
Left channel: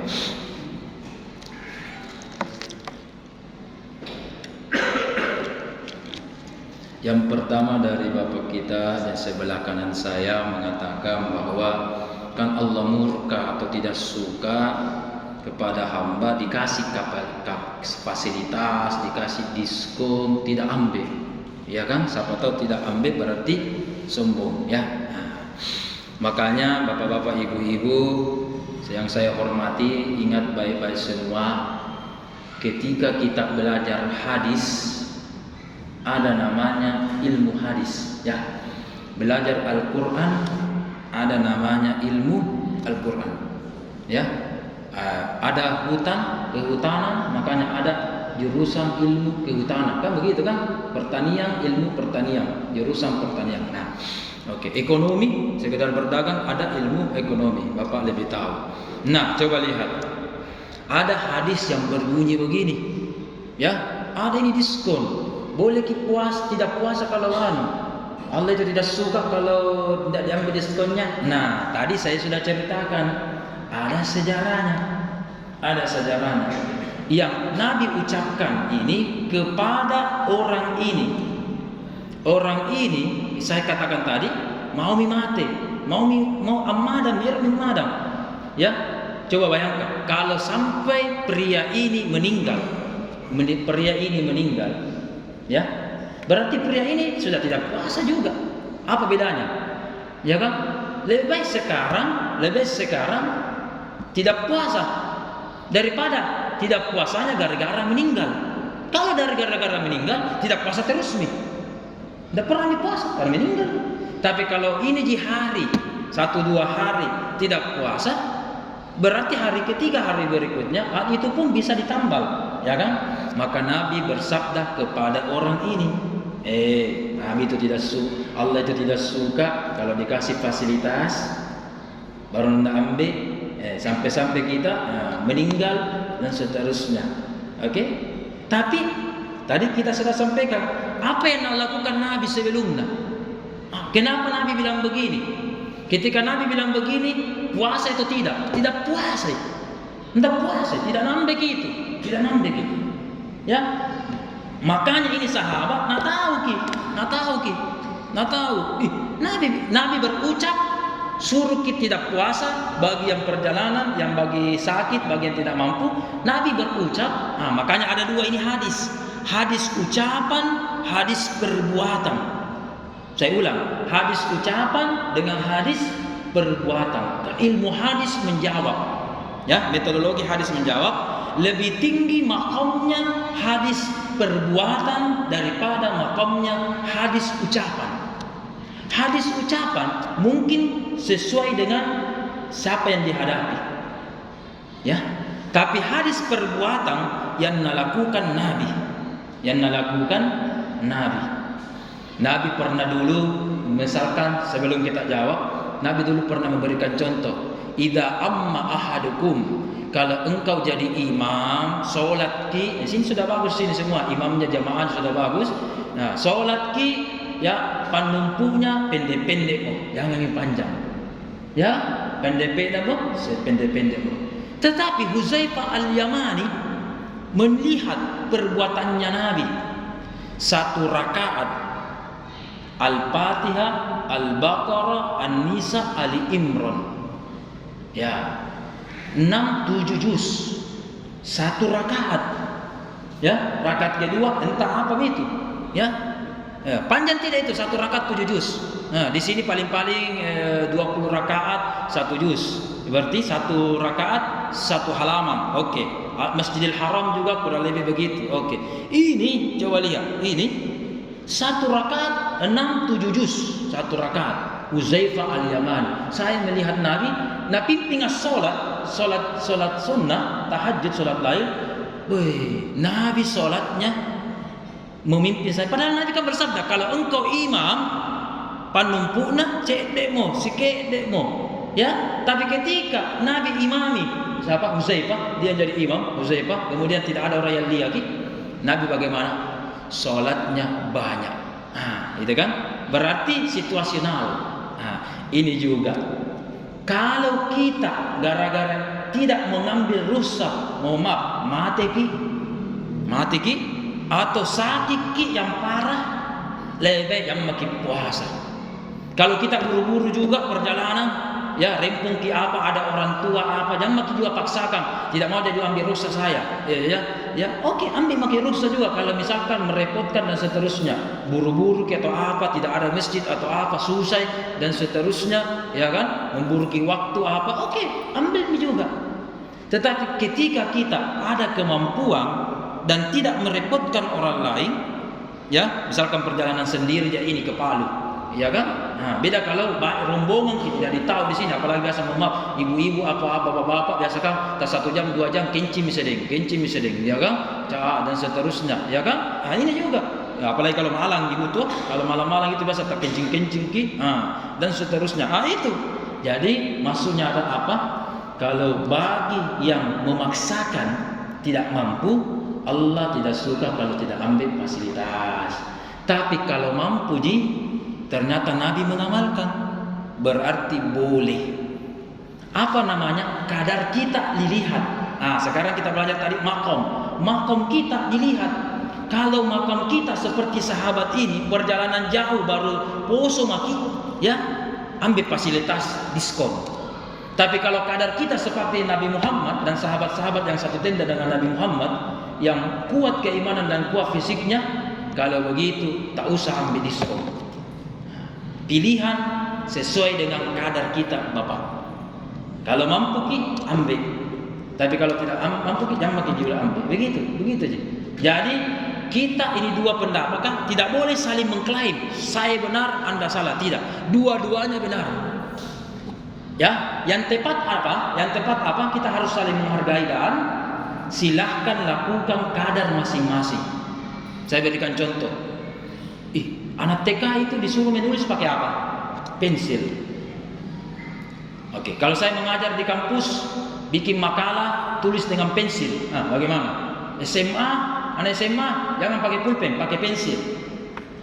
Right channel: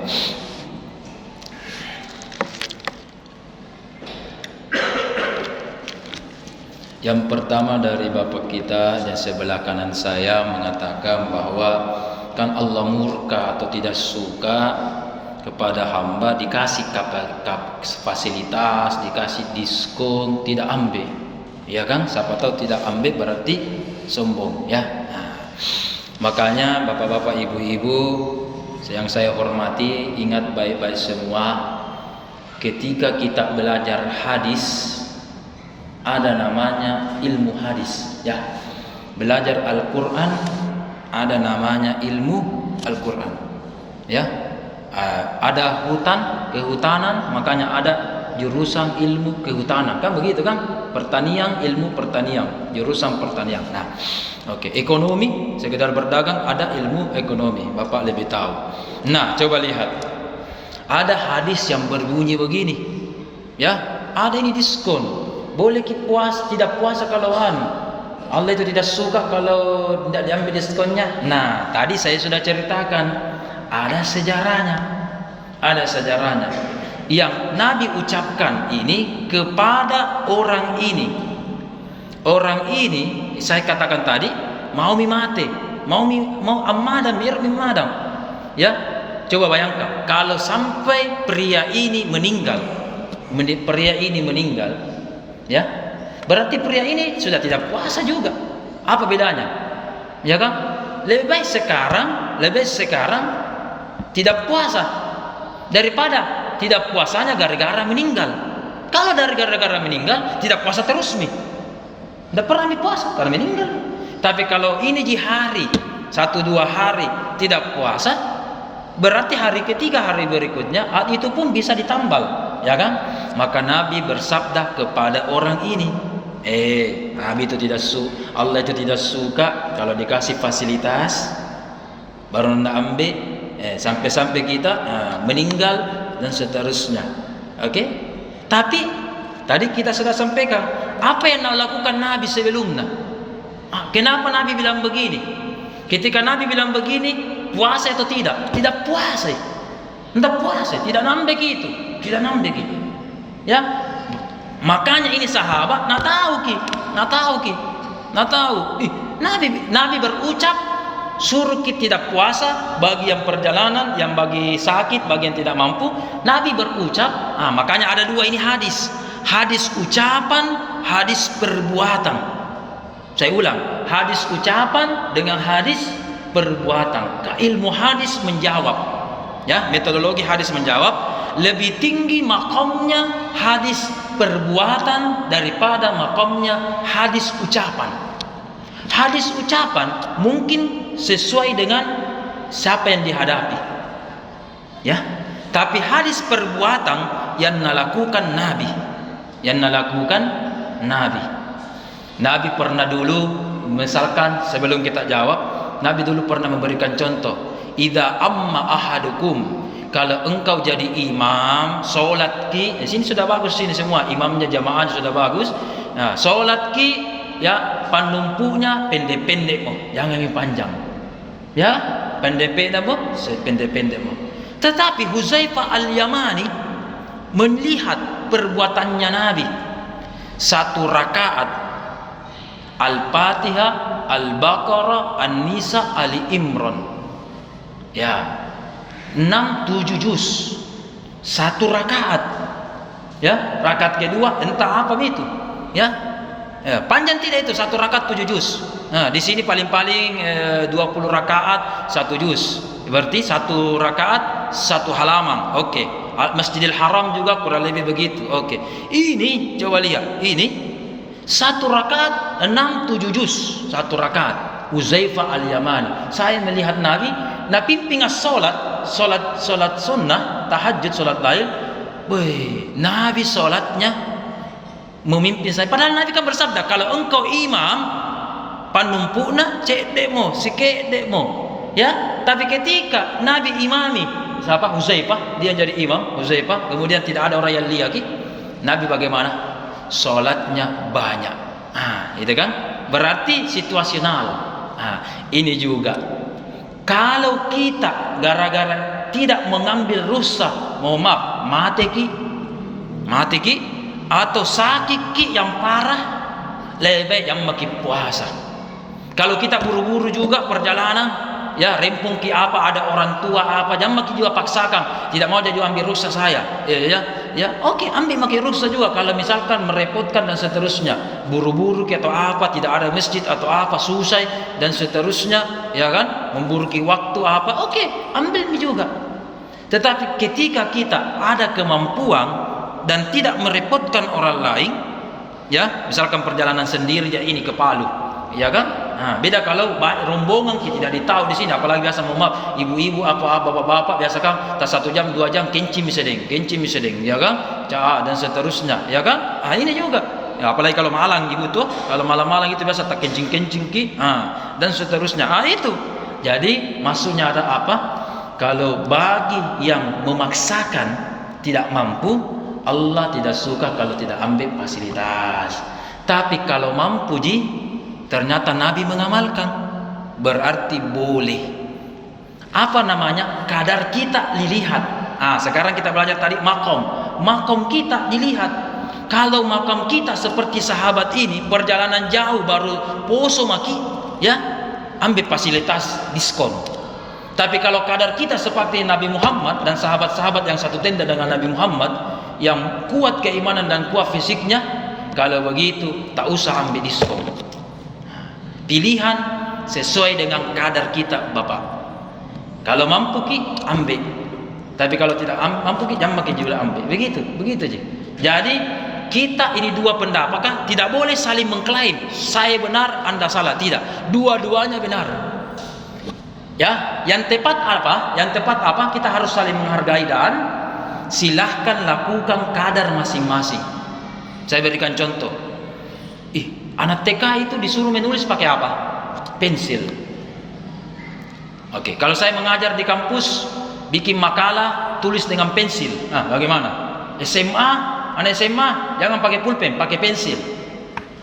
Yang pertama dari bapak kita dan sebelah kanan saya mengatakan bahwa kan Allah murka atau tidak suka kepada hamba dikasih fasilitas, dikasih diskon, tidak ambil. Ya kan? Siapa tahu tidak ambil berarti sombong, ya. Makanya bapak-bapak, ibu-ibu yang saya hormati, ingat baik-baik semua, ketika kita belajar hadis ada namanya ilmu hadis, ya. Belajar Al-Qur'an ada namanya ilmu Al-Qur'an. Ya, ada hutan, kehutanan, makanya ada jurusan ilmu kehutanan, kan begitu kan? Pertanian, ilmu pertanian, jurusan pertanian. Nah, oke, ekonomi, sekedar berdagang, ada ilmu ekonomi, Bapak lebih tahu. Nah, coba lihat, ada hadis yang berbunyi begini, ya, ada ini diskon, boleh tidak puasa kalau Allah itu tidak suka kalau tidak diambil diskonnya. Nah, tadi saya sudah ceritakan, ada sejarahnya, yang Nabi ucapkan ini kepada orang ini. Orang ini saya katakan tadi mau mimate, mau amadam, biar mimadam. Ya, coba bayangkan kalau sampai pria ini meninggal, ya, berarti pria ini sudah tidak puasa juga. Apa bedanya? Ya kan? Lebih baik sekarang tidak puasa daripada tidak puasanya gara-gara meninggal. Kalau dari gara-gara meninggal, tidak puasa terus nih. Tidak pernah puasa karena meninggal. Tapi kalau ini di hari 1-2 hari tidak puasa, berarti hari ketiga, hari berikutnya itu pun bisa ditambal, ya kan? Maka Nabi bersabda kepada orang ini, Nabi itu Allah itu tidak suka kalau dikasih fasilitas baru nak ambil, sampai kita meninggal dan seterusnya. Oke? Tapi tadi kita sudah sampaikan apa yang lakukan Nabi sebelumnya. Kenapa Nabi bilang begini? Ketika Nabi bilang begini, puasa atau tidak? Tidak puasa. Tidak puasa, tidak nambah gitu. Ya. Makanya ini sahabat nak tahu. Nabi berucap suruh kita tidak puasa bagi yang perjalanan, yang bagi sakit, bagi yang tidak mampu. Nabi berucap, makanya ada dua ini hadis ucapan, hadis perbuatan. Saya ulang, hadis ucapan dengan hadis perbuatan. Ilmu hadis menjawab, ya, metodologi hadis menjawab lebih tinggi makamnya hadis perbuatan daripada makamnya hadis ucapan. Hadis ucapan mungkin sesuai dengan siapa yang dihadapi, ya. Tapi hadis perbuatan yang melakukan Nabi. Nabi pernah dulu, misalkan sebelum kita jawab, Nabi dulu pernah memberikan contoh. Idza amma ahadukum, kalau engkau jadi imam, solat ki, di sini sudah bagus, sini semua imamnya jamaah sudah bagus. Nah, solat ki, ya, panumpunya pendek-pendek mo, jangan yang panjang. Ya, pendek-pendek mo, sependek-pendek mo. Tetapi Huzaifah al-Yamani melihat perbuatannya Nabi. 1 rakaat Al-Fatihah, Al-Baqarah, An-Nisa, Ali Imran. Ya. 6-7 juz. 1 rakaat. Ya, rakaat kedua entah apa itu. Ya. Panjang tidak itu 1 rakaat 7 juz. Nah, di sini paling-paling 20 rakaat 1 juz. Berarti 1 rakaat 1 halaman. Oke. Masjidil Haram juga kurang lebih begitu. Oke. Ini coba lihat. Ini 1 rakaat 6-7 juz. 1 rakaat. Huzaifah al-Yamani. Saya melihat Nabi pimpin solat sunnah, tahajud, solat lail. Nabi solatnya memimpin saya. Padahal Nabi kan bersabda, kalau engkau imam, panumpukna cekdekmu, sikedekmu. Ya, tapi ketika Nabi imami, siapa? Huzaifah, dia jadi imam, Huzaifah, kemudian tidak ada orang yang lihat lagi. Nabi bagaimana? Salatnya banyak. Itu kan? Berarti situasional. Ini juga. Kalau kita gara-gara tidak mengambil rukhsah, maaf, mati ki atau sakit ki yang parah, lebih baik yang makin puasa. Kalau kita buru-buru juga perjalanan, ya, rempung ki apa, ada orang tua apa, jangan makin juga paksakan. Tidak mau jadi ambil rukhsah saya. Ya, oke, ambil makin rukhsah juga kalau misalkan merepotkan dan seterusnya. Buru-buru ki atau apa, tidak ada masjid atau apa, susah dan seterusnya, ya kan? Memburu ki waktu apa, oke, ambil juga. Tetapi ketika kita ada kemampuan dan tidak merepotkan orang lain, ya, misalkan perjalanan sendiri ya, ini ke Palu, ya kan? Nah, beda kalau rombongan kita tidak ditahu di sini, apalagi biasa mohon maaf, ibu-ibu apa bapak-bapak biasa kan tak 1 jam 2 jam kencing misedeng, ya kan? Dan seterusnya, ya kan? Ah ini juga. Ya, apalagi kalau malang ibu tuh, kalau malam-malam itu biasa tak kencing ki, dan seterusnya. Itu. Jadi maksudnya ada apa? Kalau bagi yang memaksakan tidak mampu, Allah tidak suka kalau tidak ambil fasilitas. Tapi kalau mampu ternyata Nabi mengamalkan, berarti boleh. Apa namanya? Kadar kita dilihat. Sekarang kita belajar tadi makom kita dilihat. Kalau makam kita seperti sahabat ini, perjalanan jauh baru poso maki, ya ambil fasilitas diskon. Tapi kalau kadar kita seperti Nabi Muhammad dan sahabat-sahabat yang satu tenda dengan Nabi Muhammad, yang kuat keimanan dan kuat fisiknya, kalau begitu tak usah ambil diskon. Pilihan sesuai dengan kadar kita, Bapak. Kalau mampu ki ambil. Tapi kalau tidak mampu ki jangan juga ambil. Begitu aja. Jadi kita ini dua pendapat kan tidak boleh saling mengklaim saya benar Anda salah, tidak. Dua-duanya benar. Ya, yang tepat apa? Kita harus saling menghargai dan silahkan lakukan kadar masing-masing. Saya berikan contoh. Anak TK itu disuruh menulis pakai apa? Pensil. Oke, kalau saya mengajar di kampus, bikin makalah, tulis dengan pensil. Bagaimana? Anak SMA jangan pakai pulpen, pakai pensil.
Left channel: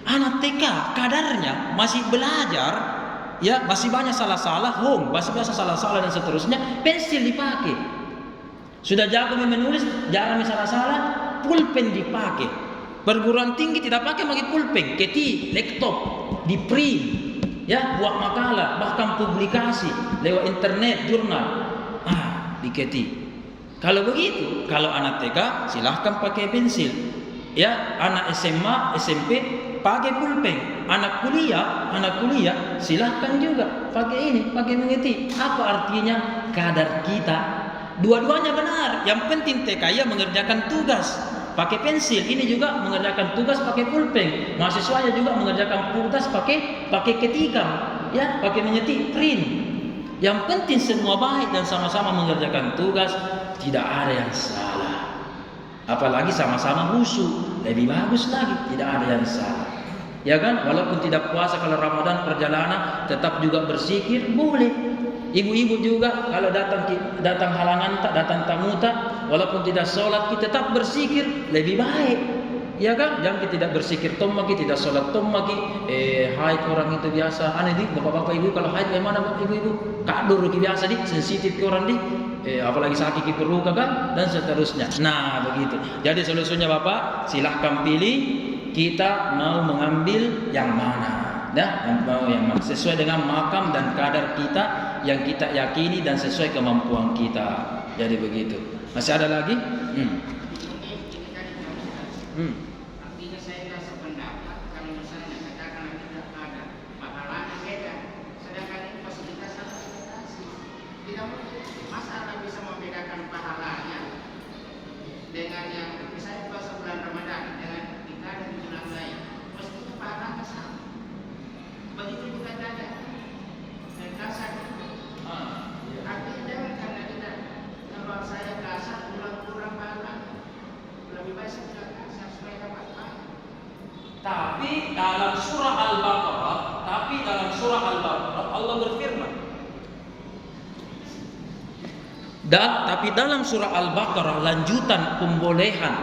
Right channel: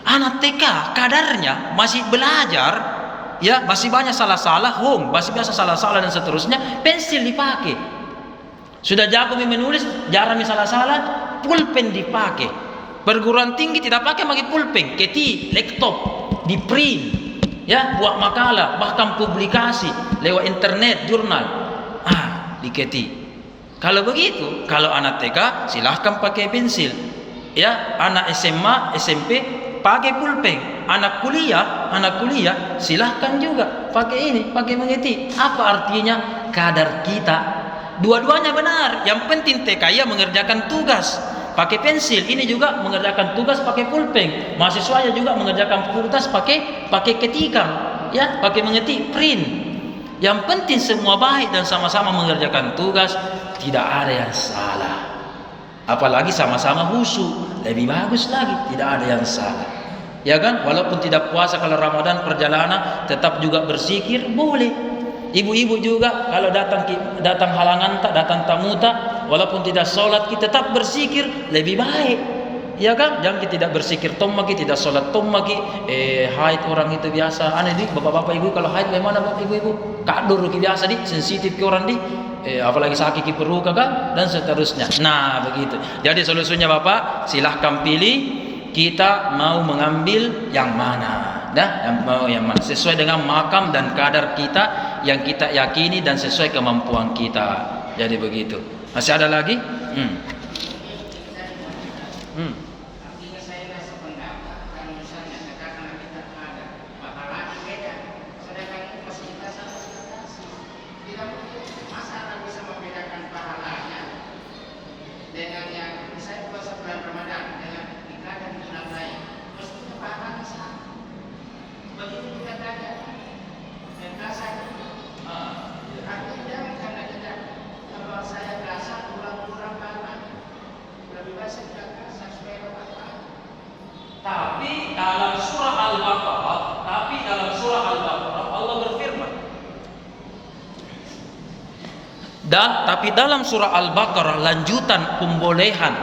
Anak TK kadarnya masih belajar, ya masih banyak salah-salah, masih biasa salah-salah dan seterusnya, pensil dipakai. Sudah jago menulis, jarang salah-salah, pulpen dipakai. Perguruan tinggi tidak pakai pulpen, keti, laptop, di print, ya buat makalah, bahkan publikasi lewat internet, jurnal, diketi. Kalau begitu, kalau anak TK silahkan pakai pensil, ya anak SMA, SMP pakai pulpen, anak kuliah silahkan juga pakai mengeti. Apa artinya? Kadar kita, dua-duanya benar. Yang penting TK ya mengerjakan tugas pakai pensil, ini juga mengerjakan tugas pakai pulpen, mahasiswanya juga mengerjakan tugas pakai ketikan, ya pakai mengetik print. Yang penting semua baik dan sama-sama mengerjakan tugas, tidak ada yang salah. Apalagi sama-sama khusyuk, lebih bagus lagi, tidak ada yang salah. Ya kan? Walaupun tidak puasa kalau Ramadan perjalanan tetap juga berzikir boleh. Ibu-ibu juga kalau datang halangan tak, datang tamu tak, walaupun tidak sholat kita tetap berzikir lebih baik. Ya kan? Jangan kita tidak berzikir tommaki, tidak sholat tommaki. Haid orang itu biasa. Aneh di bapak-bapak ibu kalau haid bagaimana bapak ibu? Kadur ki biasa di, sensitif ke orang di. Apalagi sakit ki perlu kan dan seterusnya. Nah, begitu. Jadi solusinya Bapak, silahkan pilih kita mau mengambil yang mana. Yang mana sesuai dengan makam dan kadar kita yang kita yakini dan sesuai kemampuan kita. Jadi begitu. Masih ada lagi? Artinya saya rasa pendapat kalau misalnya sekarang kita ada pahalanya beda, sedangkan ini fasilitas tidak mungkin. Masa Anda bisa membedakan pahalanya dengan yang misalnya puasa bulan Ramadan dengan kita dan bulan lain, mestinya pahalanya sama. Begitu juga tadi kasar. Artinya jangan karena kita kalau saya kasar kurang pahala, lebih baik saya tidak kasar supaya dapat pahala. Tapi dalam surah Al-Baqarah Allah berfirman. Tapi dalam surah Al-Baqarah lanjutan pembolehan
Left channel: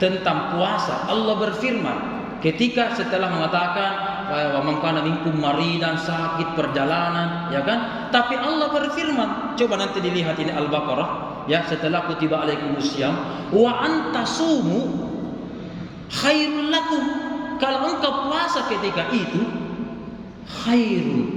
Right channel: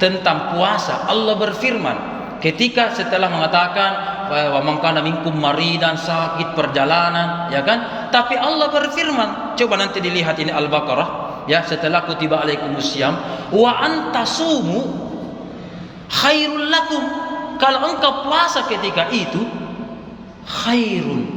tentang puasa, Allah berfirman ketika setelah mengatakan wa man kana minkum maridan, sakit perjalanan, ya kan? Tapi Allah berfirman, coba nanti dilihat ini Al-Baqarah, ya, setelah kutiba alaikumusiyam wa antasumu khairul lakum. Kalau engkau puasa ketika itu khairun.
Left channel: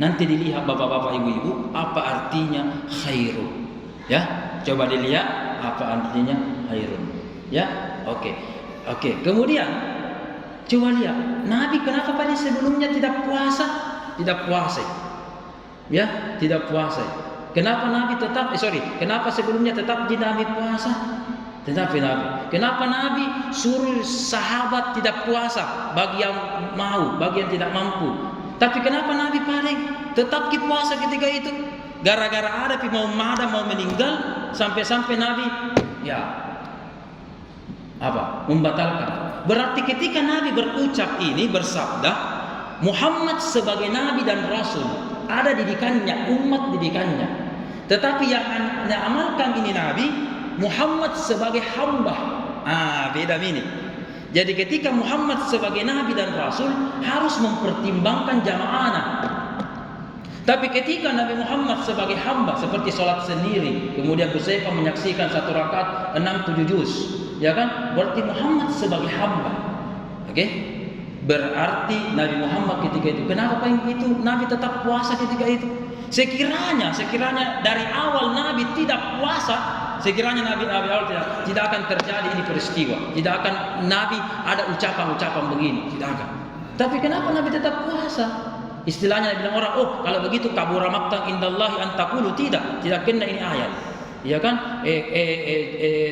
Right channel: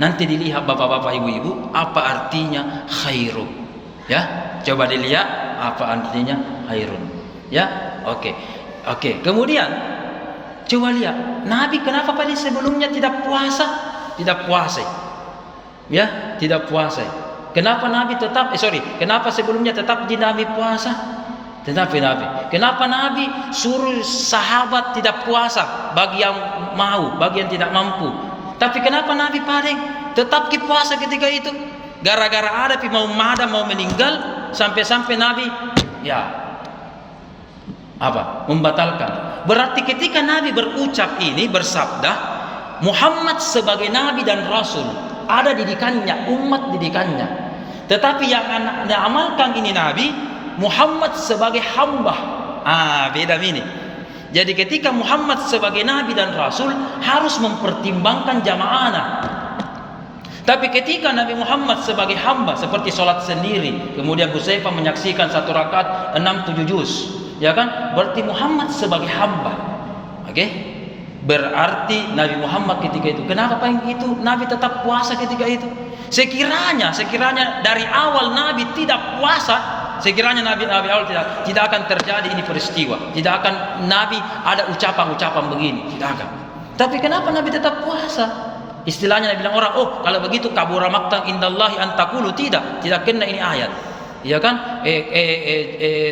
Nanti dilihat bapak-bapak ibu-ibu apa artinya khairun. Ya, coba dilihat apa artinya khairun. Ya, oke. Kemudian coba lihat Nabi kenapa pada sebelumnya tidak puasa? Tidak puasa. Ya, tidak puasa. Kenapa Nabi kenapa sebelumnya tetap di Nabi puasa? Tetapi kenapa Nabi suruh sahabat tidak puasa bagi yang mau, bagi yang tidak mampu? Tapi kenapa Nabi paling tetap puasa ketika itu? Gara-gara ada mau madam mau meninggal, sampai-sampai Nabi membatalkan. Berarti ketika Nabi berucap ini, bersabda, Muhammad sebagai Nabi dan Rasul, ada didikannya, umat didikannya. Tetapi yang amalkan ini Nabi Muhammad sebagai hamba. Beda ini. Jadi ketika Muhammad sebagai Nabi dan Rasul harus mempertimbangkan jamaahnya. Tapi ketika Nabi Muhammad sebagai hamba, seperti sholat sendiri, kemudian Hudzaifah menyaksikan 1 rakaat 6-7 juz, ya kan? Berarti Muhammad sebagai hamba. Oke? Berarti Nabi Muhammad ketika itu, kenapa itu Nabi tetap puasa ketika itu? Sekiranya dari awal Nabi tidak puasa, sekiranya Nabi awal tidak akan terjadi ini peristiwa, tidak akan Nabi ada ucapan-ucapan begini, tidak akan. Tapi kenapa Nabi tetap puasa? Istilahnya Nabi bilang orang, kalau begitu kabura maqtan indallahi an taqulu, tidak kena ini ayat. Ya kan?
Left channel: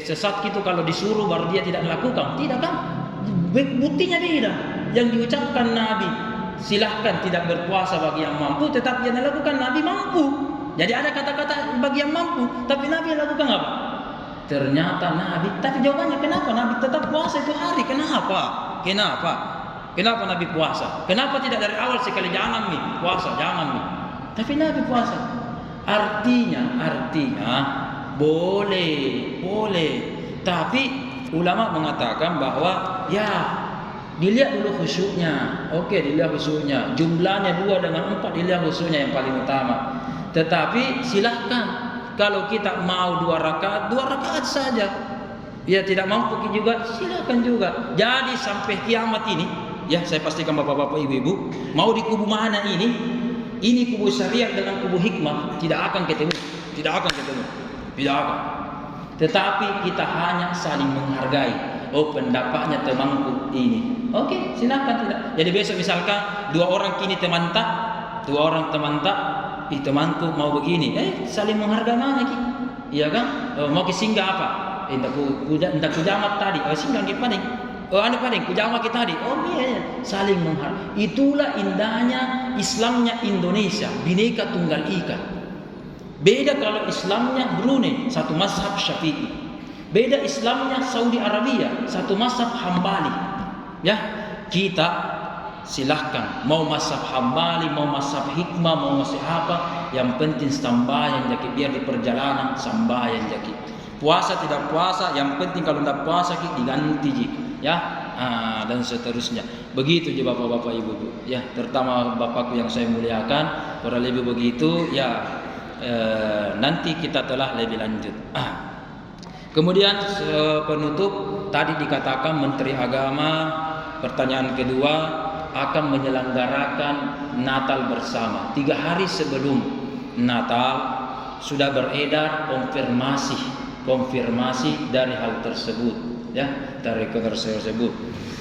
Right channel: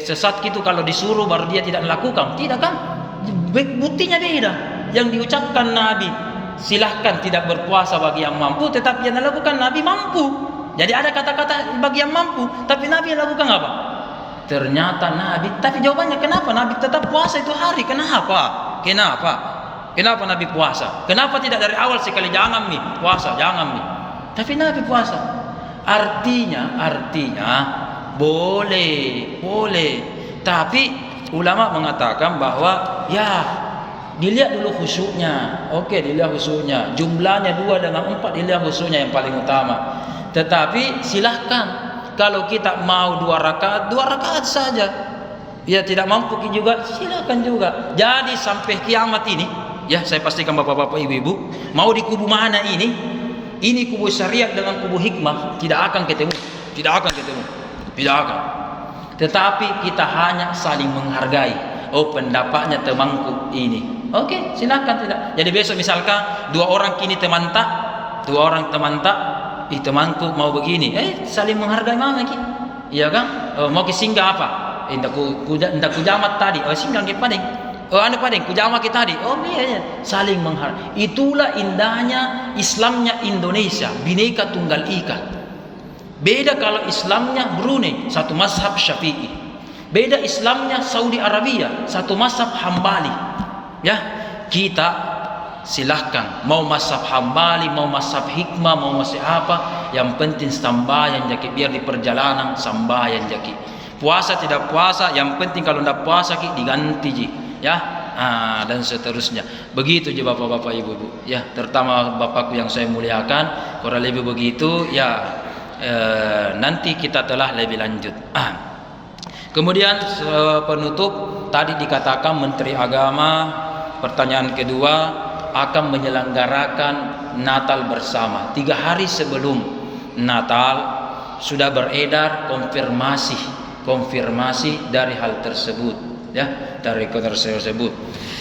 Sesat gitu kalau disuruh baru dia tidak melakukan. Tidak kan? Buktinya beda. Yang diucapkan Nabi, silahkan tidak berpuasa bagi yang mampu, tetapi yang dilakukan Nabi mampu. Jadi ada kata-kata bagi yang mampu, tapi Nabi yang lakukan apa? Ternyata Nabi, tapi jawabannya kenapa Nabi tetap puasa itu hari? Kenapa Nabi puasa? Kenapa tidak dari awal sekali jangan puasa, jangan. Tapi Nabi puasa. Artinya boleh. Tapi ulama mengatakan bahwa dilihat dulu khusyuknya. Oke, dilihat khusyuknya. Jumlahnya 2 dengan 4, dilihat khusyuknya yang paling utama. Tetapi silahkan kalau kita mau 2 rakaat saja. Ya tidak mampu juga, silahkan juga. Jadi sampai kiamat ini, saya pastikan bapak-bapak, ibu-ibu, mau di kubu mana ini kubu syariat dengan kubu hikmah tidak akan ketemu. Tetapi kita hanya saling menghargai. Pendapatnya temanku ini. Oke, silakan tidak. Jadi besok misalkan 2 orang kini teman tak, temanku mau begini. Saling menghargai mana ki? Iya kan? Mau ke singgah apa? Indah kujamat tadi. Singgah ke pading. Kujamat kita tadi. Iya. Saling menghargai. Itulah indahnya Islamnya Indonesia, Bhinneka Tunggal Ika. Beda kalau Islamnya Brunei, satu mazhab Syafi'i. Beda Islamnya Saudi Arabia, satu mazhab Hambali. Ya, kita silahkan mau mazhab Hambali, mau mazhab hikmah, mau mazhab apa, yang penting sambayan jaki, biar di perjalanan sambayan jaki. Puasa tidak puasa, yang penting kalau tidak puasa diganti ji, ya. Dan seterusnya. Begitu je bapak-bapak, ibu-ibu, ya, terutama bapakku yang saya muliakan, kurang lebih begitu, ya. Nanti kita telah lebih lanjut. Kemudian penutup tadi dikatakan Menteri Agama, pertanyaan kedua, akan menyelenggarakan Natal bersama. 3 hari sebelum Natal sudah beredar konfirmasi dari hal tersebut, ya, dari tersebut.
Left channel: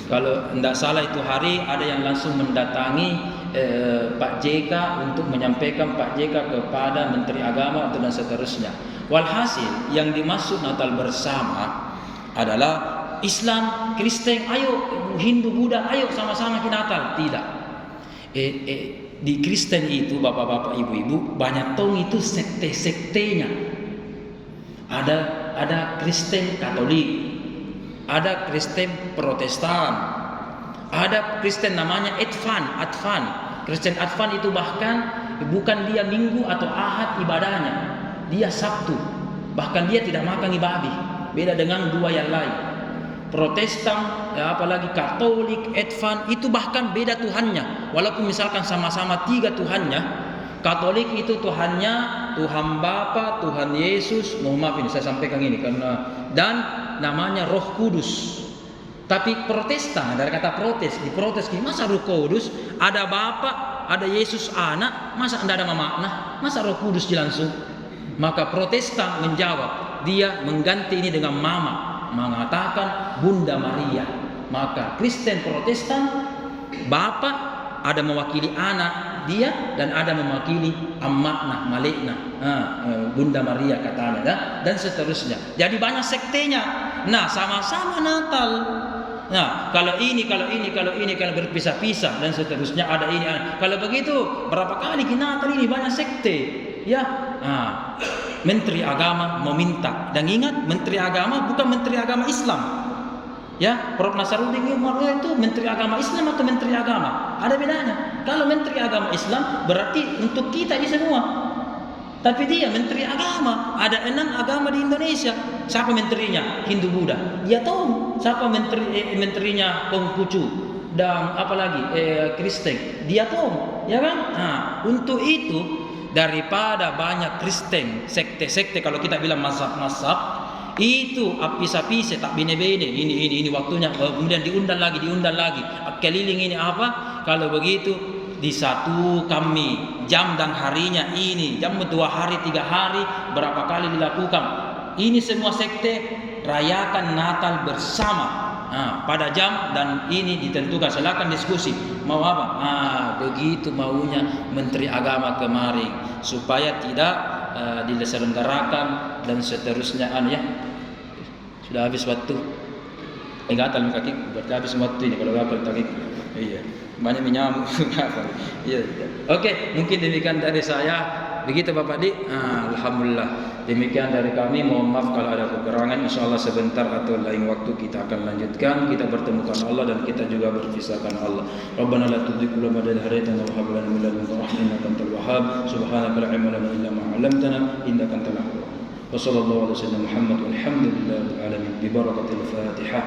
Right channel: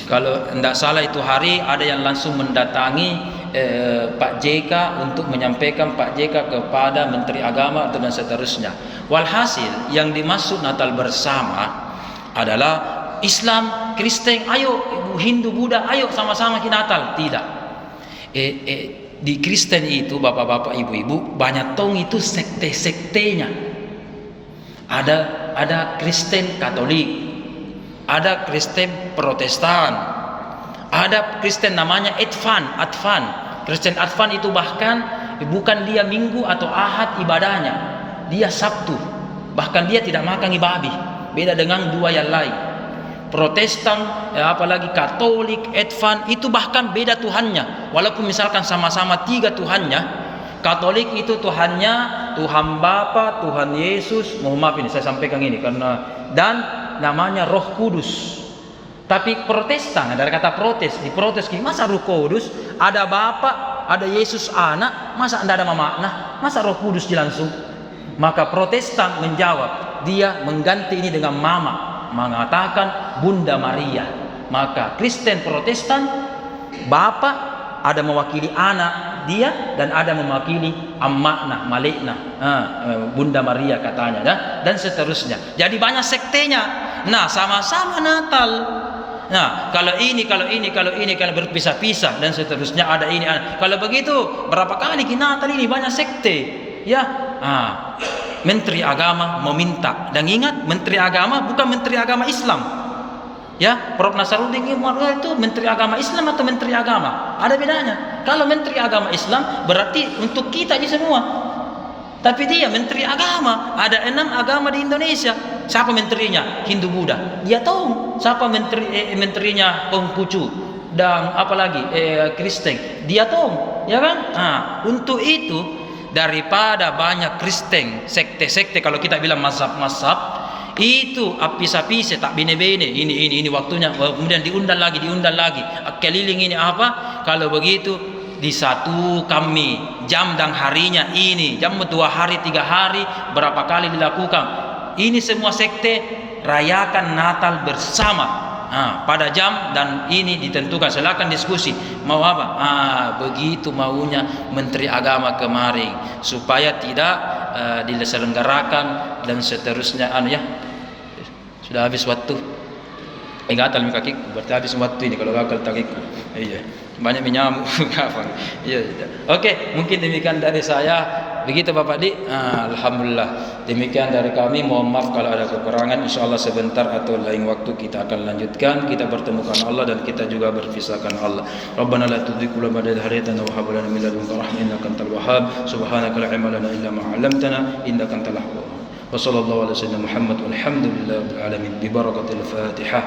Kalau tidak salah itu hari ada yang langsung mendatangi Pak JK untuk menyampaikan Pak JK kepada Menteri Agama dan seterusnya. Walhasil yang dimaksud Natal bersama adalah Islam, Kristen, ayo Hindu, Buddha, ayo sama-sama kita Natal. Tidak. Di Kristen itu bapak-bapak, ibu-ibu, banyak tong itu sekte-sektenya. Ada Kristen Katolik, ada Kristen Protestan, ada Kristen namanya Advent. Kristen Advent itu bahkan bukan dia Minggu atau Ahad ibadahnya, dia Sabtu. Bahkan dia tidak makan babi. Beda dengan 2 yang lain. Protestan, apalagi Katolik, Advent itu bahkan beda Tuhannya. Walaupun misalkan sama-sama 3 Tuhannya. Katolik itu Tuhannya Tuhan Bapa, Tuhan Yesus. Mohon maaf ini saya sampaikan ini karena dan namanya Roh Kudus. Tapi Protestan, dari kata protes, diprotes masa Roh Kudus ada Bapa, ada Yesus anak, masa tidak ada makna, masa Roh Kudus langsung. Maka Protestan menjawab, dia mengganti ini dengan mama, mengatakan Bunda Maria. Maka Kristen Protestan, Bapa ada mewakili anak dia dan ada mewakili amakna, malekna, Bunda Maria katanya, dan seterusnya. Jadi banyak sektenya. Nah, sama-sama Natal. Nah, kalau ini kalau berpisah-pisah dan seterusnya ada ini. Kalau begitu, berapa kali Natal ini banyak sekte, ya. Menteri Agama meminta, dan ingat Menteri Agama bukan Menteri Agama Islam. Ya, Prof Nasarudin itu Menteri Agama Islam atau Menteri Agama? Ada bedanya. Kalau Menteri Agama Islam berarti untuk kita aja semua. Tapi dia Menteri Agama. Ada 6 agama di Indonesia. Siapa menterinya? Hindu Buddha. Dia tahu. Siapa menterinya Konghucu dan apalagi Kristen. Dia tahu, ya kan? Untuk itu daripada banyak Kristen, sekte-sekte kalau kita bilang mazhab-mazhab itu apis-apis tak bine-bine ini waktunya, kemudian diundang lagi keliling ini apa. Kalau begitu disatu kami jam dan harinya ini jam 2 hari 3 hari berapa kali dilakukan ini semua sekte rayakan Natal bersama pada jam dan ini ditentukan. Silakan diskusi mau apa. Begitu maunya Menteri Agama kemarin supaya tidak diselenggarakan dan seterusnya. Ya sudah habis waktu. Gatal kaki berarti habis waktu ini kalau gatal kaki. Iya, banyak menyamuk. Iya. Oke, mungkin demikian dari saya. Begitu Bapak Di. Alhamdulillah. Demikian dari kami. Mohon maaf kalau ada kekurangan. Insyaallah sebentar atau lain waktu kita akan lanjutkan. Kita bertemukan Allah dan kita juga berpisahkan Allah. Rabbana la tuzigh qulubana ba'da idh hadaytana wa hab lana min ladunka rahmatan innaka antal wahhab. Subhanaka la ilma lana illa ma 'allamtana innaka antal wahhab. Wa sallallahu ala sayyidina Muhammad walhamdulillahi rabbil alamin bi barakatil Fatihah.